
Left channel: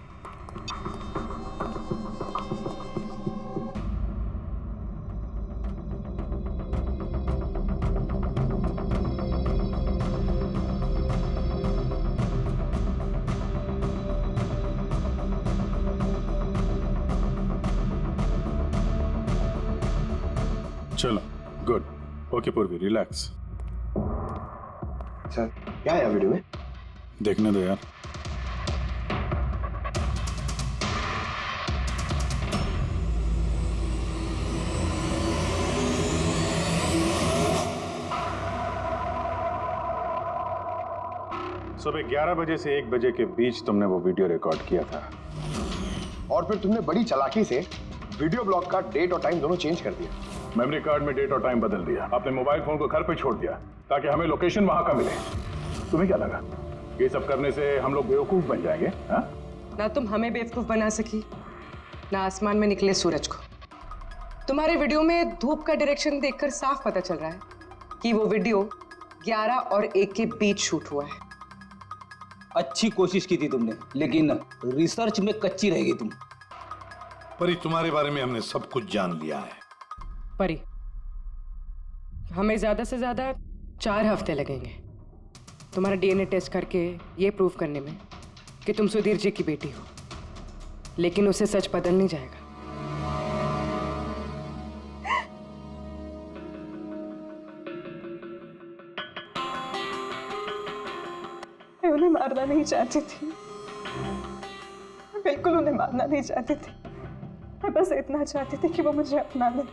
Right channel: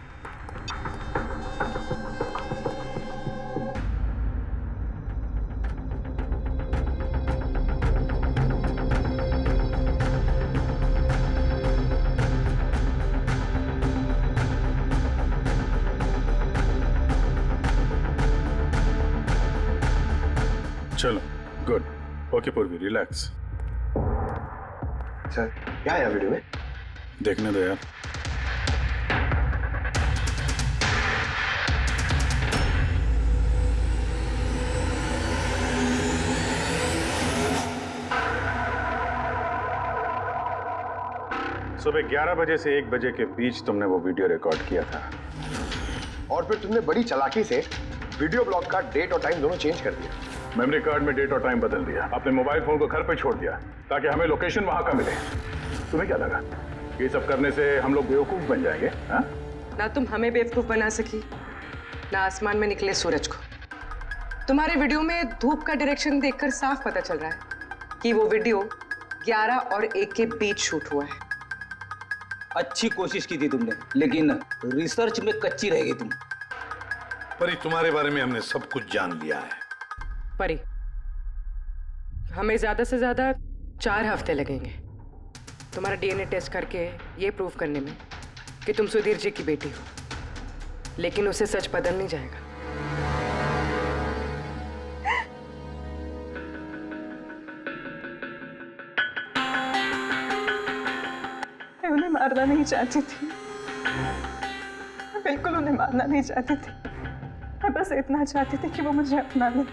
चलो गुड, ओके पूर्वी रिलैक्स। सर क्या है वीडियो में? देखने दो यार। सुबह 11 बजे से 1 बजे के बीच तुमने वो वीडियो रिकॉर्ड किया था, और फिर तुमने बड़ी चालाकी से वीडियो ब्लॉग का डेट और टाइम दोनों चेंज कर दिया। मेमोरी कार्ड में डेट और टाइम बदल दिया, अपने मोबाइल फोन को घर पे छोड़ दिया ताकि हमें लोकेशन वहां का मिले। तुम्हें क्या लगा ये सब करने से हम लोग बेवकूफ बन जाएंगे? हा? ना तुम हमें बेवकूफ बना सकी, ना आसमान में निकले सूरज को। तुम्हारे वीडियो में धूप का डायरेक्शन देखकर साफ पता चल रहा है कि वो वीडियो 11 और 1 के बीच शूट हुआ है। अच्छी कोशिश की थी तुमने, लेकिन रिसर्च में कच्ची रह गई तुम। परी तुम्हारे बारे में हमने सब कुछ जान लिया है। परी, हमें ज्यादा से ज्यादा 4 हफ्ते लगेंगे तुम्हारा डीएनए टेस्ट करके ये प्रूव करने में कि तुम सुधीर जी की बेटी हो, लेकिन उसे सच बदल नहीं जाएगा। मैं उन्हें मारना नहीं चाहती थी, मैं बिल्कुल उन्हें मारना नहीं चाहती थी। मैं बस इतना चाहती थी कि वो मुझे अपना ले।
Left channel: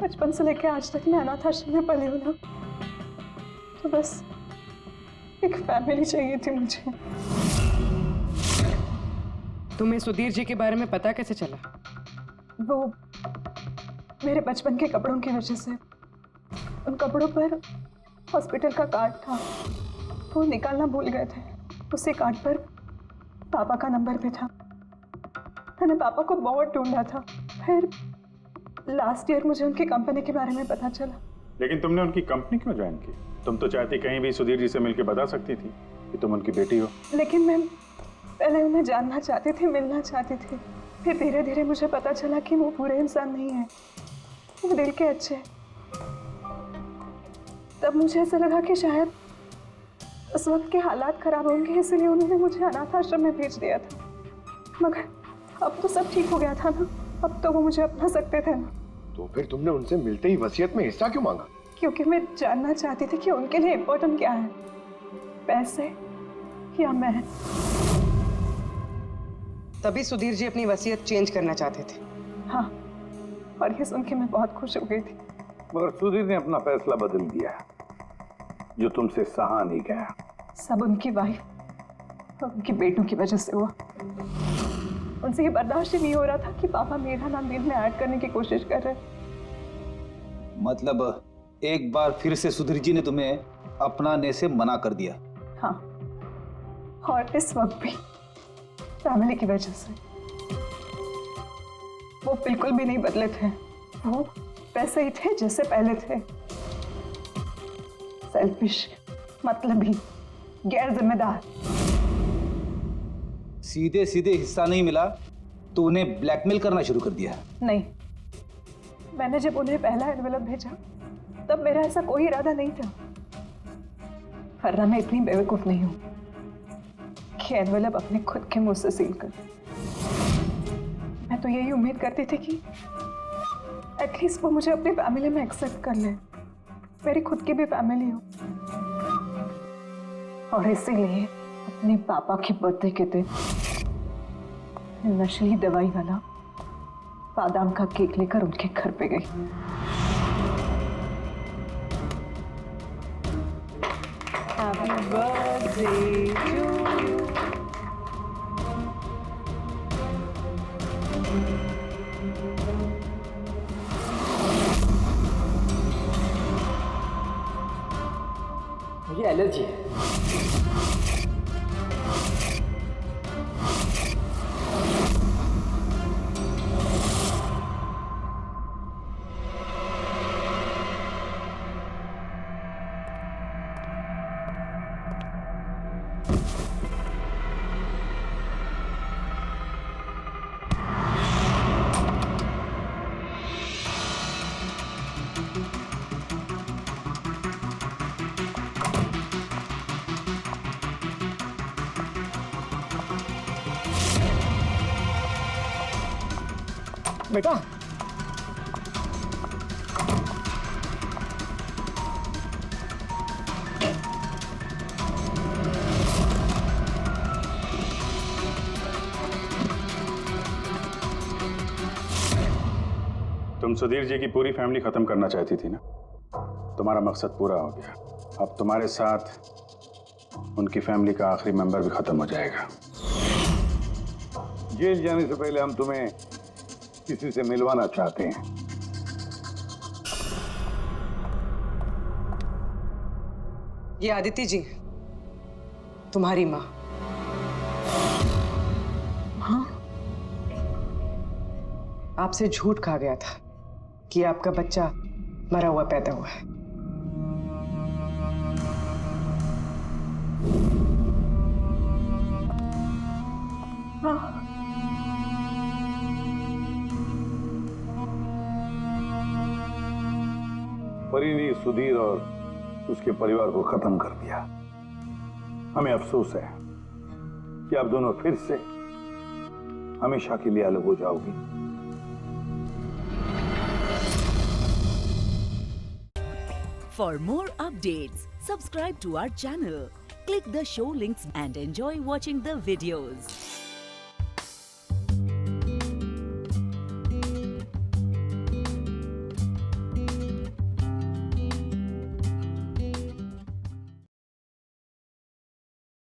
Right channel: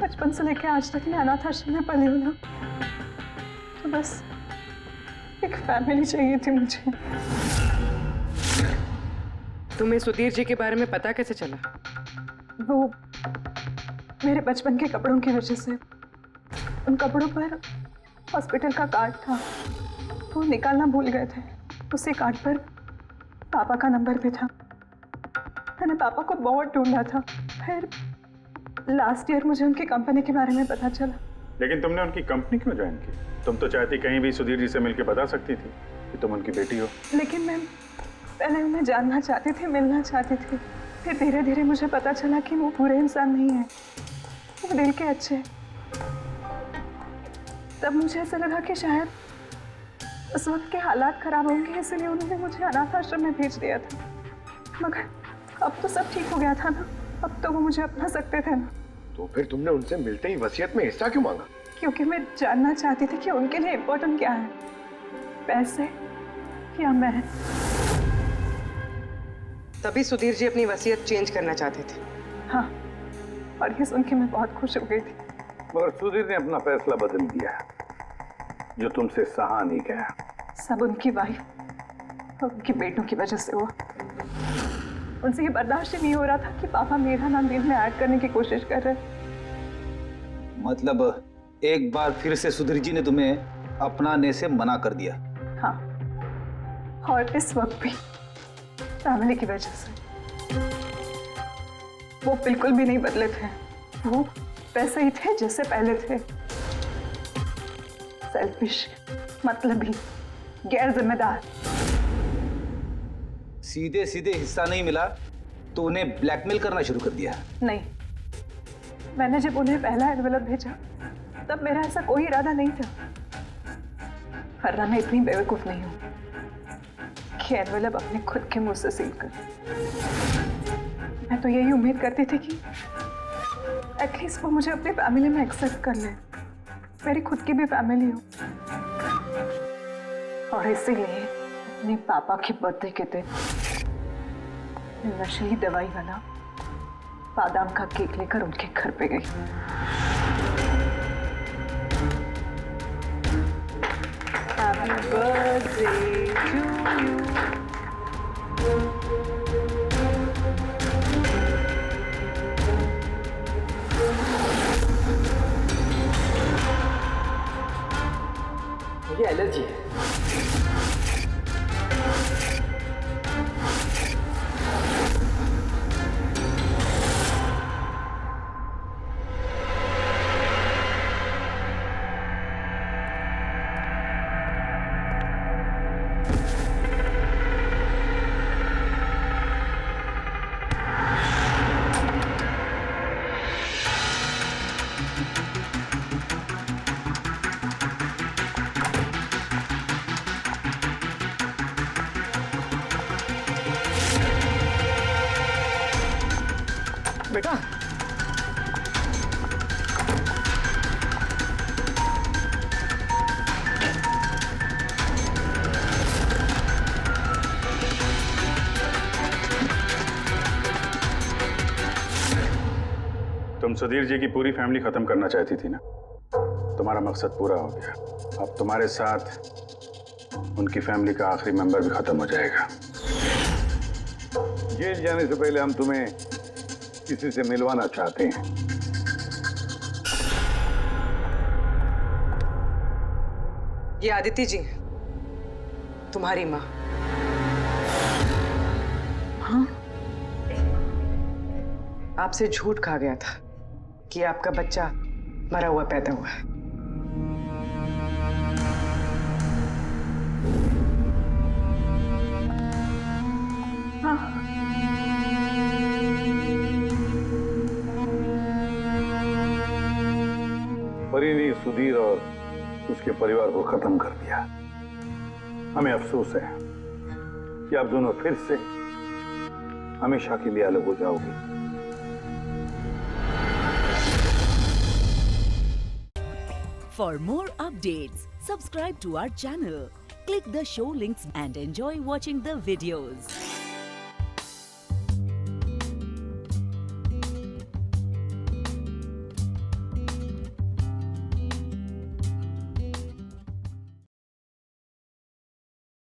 बचपन से लेकर आज तक मैं अनाथ आश्रम में पली हूँ ना, तो बस एक फैमिली चाहिए थी मुझे। तुम्हें सुधीर जी के बारे में पता कैसे चला? वो मेरे बचपन के कपड़ों की वजह से, उन कपड़ों पर हॉस्पिटल का कार्ड था, वो निकालना भूल गए थे। उसी कार्ड पर पापा का नंबर भी था। मैंने पापा को बहुत ढूंढा था। फिर लास्ट ईयर मुझे उनकी कंपनी के बारे में पता चला। लेकिन तुमने उनकी कंपनी क्यों ज्वाइन की? तुम तो चाहती कहीं भी सुधीर जी से मिलकर बता सकती थी कि तुम उनकी बेटी हो। लेकिन मैं पहले उन्हें जानना चाहती थी, मिलना चाहती थी। फिर धीरे धीरे मुझे पता चला कि वो बुरे इंसान नहीं है, वो दिल के अच्छे। तब मुझे ऐसा लगा कि शायद उस वक्त के हालात खराब होंगे, इसलिए उन्होंने मुझे अनाथ आश्रम में भेज दिया था। मगर अब तो सब ठीक हो गया था ना, अब तो वो मुझे अपना सकते थे ना। तो फिर तुमने उनसे मिलते ही वसीयत में हिस्सा क्यों मांगा? क्योंकि मैं जानना चाहती थी कि उनके लिए इम्पोर्टेंट क्या है, पैसे या मैं। तभी सुधीर जी अपनी वसीयत चेंज करना चाहते थे। हाँ, और ये सुन के मैं बहुत खुश हो गई थी। मगर सुधीर ने अपना फैसला बदल दिया, जो तुमसे सहा नहीं गया। सब उनकी वाइफ और उनके बेटों की वजह से हुआ। उनसे ये बर्दाश्त ही नहीं हो रहा था कि पापा मेरा नाम डील में ऐड करने की कोशिश कर रहे। मतलब एक बार फिर से सुधीर जी ने तुम्हें अपनाने से मना कर दिया? हाँ, और इस वक्त भी फैमिली की वजह से। वो बिल्कुल भी नहीं बदले थे, वो वैसे ही थे जैसे पहले थे। सेल्फिश, मतलबी, गैर जिम्मेदार। सीधे सीधे हिस्सा नहीं मिला तो उन्हें ब्लैकमेल करना शुरू कर दिया? नहीं, मैंने जब उन्हें पहला एनवेलप भेजा तब मेरा ऐसा कोई इरादा नहीं था। वरना मैं इतनी बेवकूफ नहीं हूं कि एनवेलप अपने खुद के मुंह से सील कर। मैं तो यही उम्मीद करती थी कि एटलीस्ट वो मुझे अपनी फैमिली में एक्सेप्ट कर ले, मेरी खुद की भी फैमिली हो। और इसीलिए अपने पापा के बर्थडे के दिन नशीली दवाई वाला बादाम का केक लेकर उनके घर पे गई। Happy birthday to you. मुझे एलर्जी है। बेटा, तुम सुधीर जी की पूरी फैमिली खत्म करना चाहती थी ना? तुम्हारा मकसद पूरा हो गया। अब तुम्हारे साथ उनकी फैमिली का आखिरी मेंबर भी खत्म हो जाएगा। जेल जाने से पहले हम तुम्हें किसी से मिलवाना चाहते हैं। ये आदिति जी, तुम्हारी माँ। हाँ, आपसे झूठ कहा गया था कि आपका बच्चा मरा हुआ पैदा हुआ है। हाँ, परी ने सुधीर और उसके परिवार को खत्म कर दिया। हमें अफसोस है कि आप दोनों फिर से हमेशा के लिए अलग हो जाओगी। For more updates, subscribe to our channel, click the show links and enjoy watching the videos.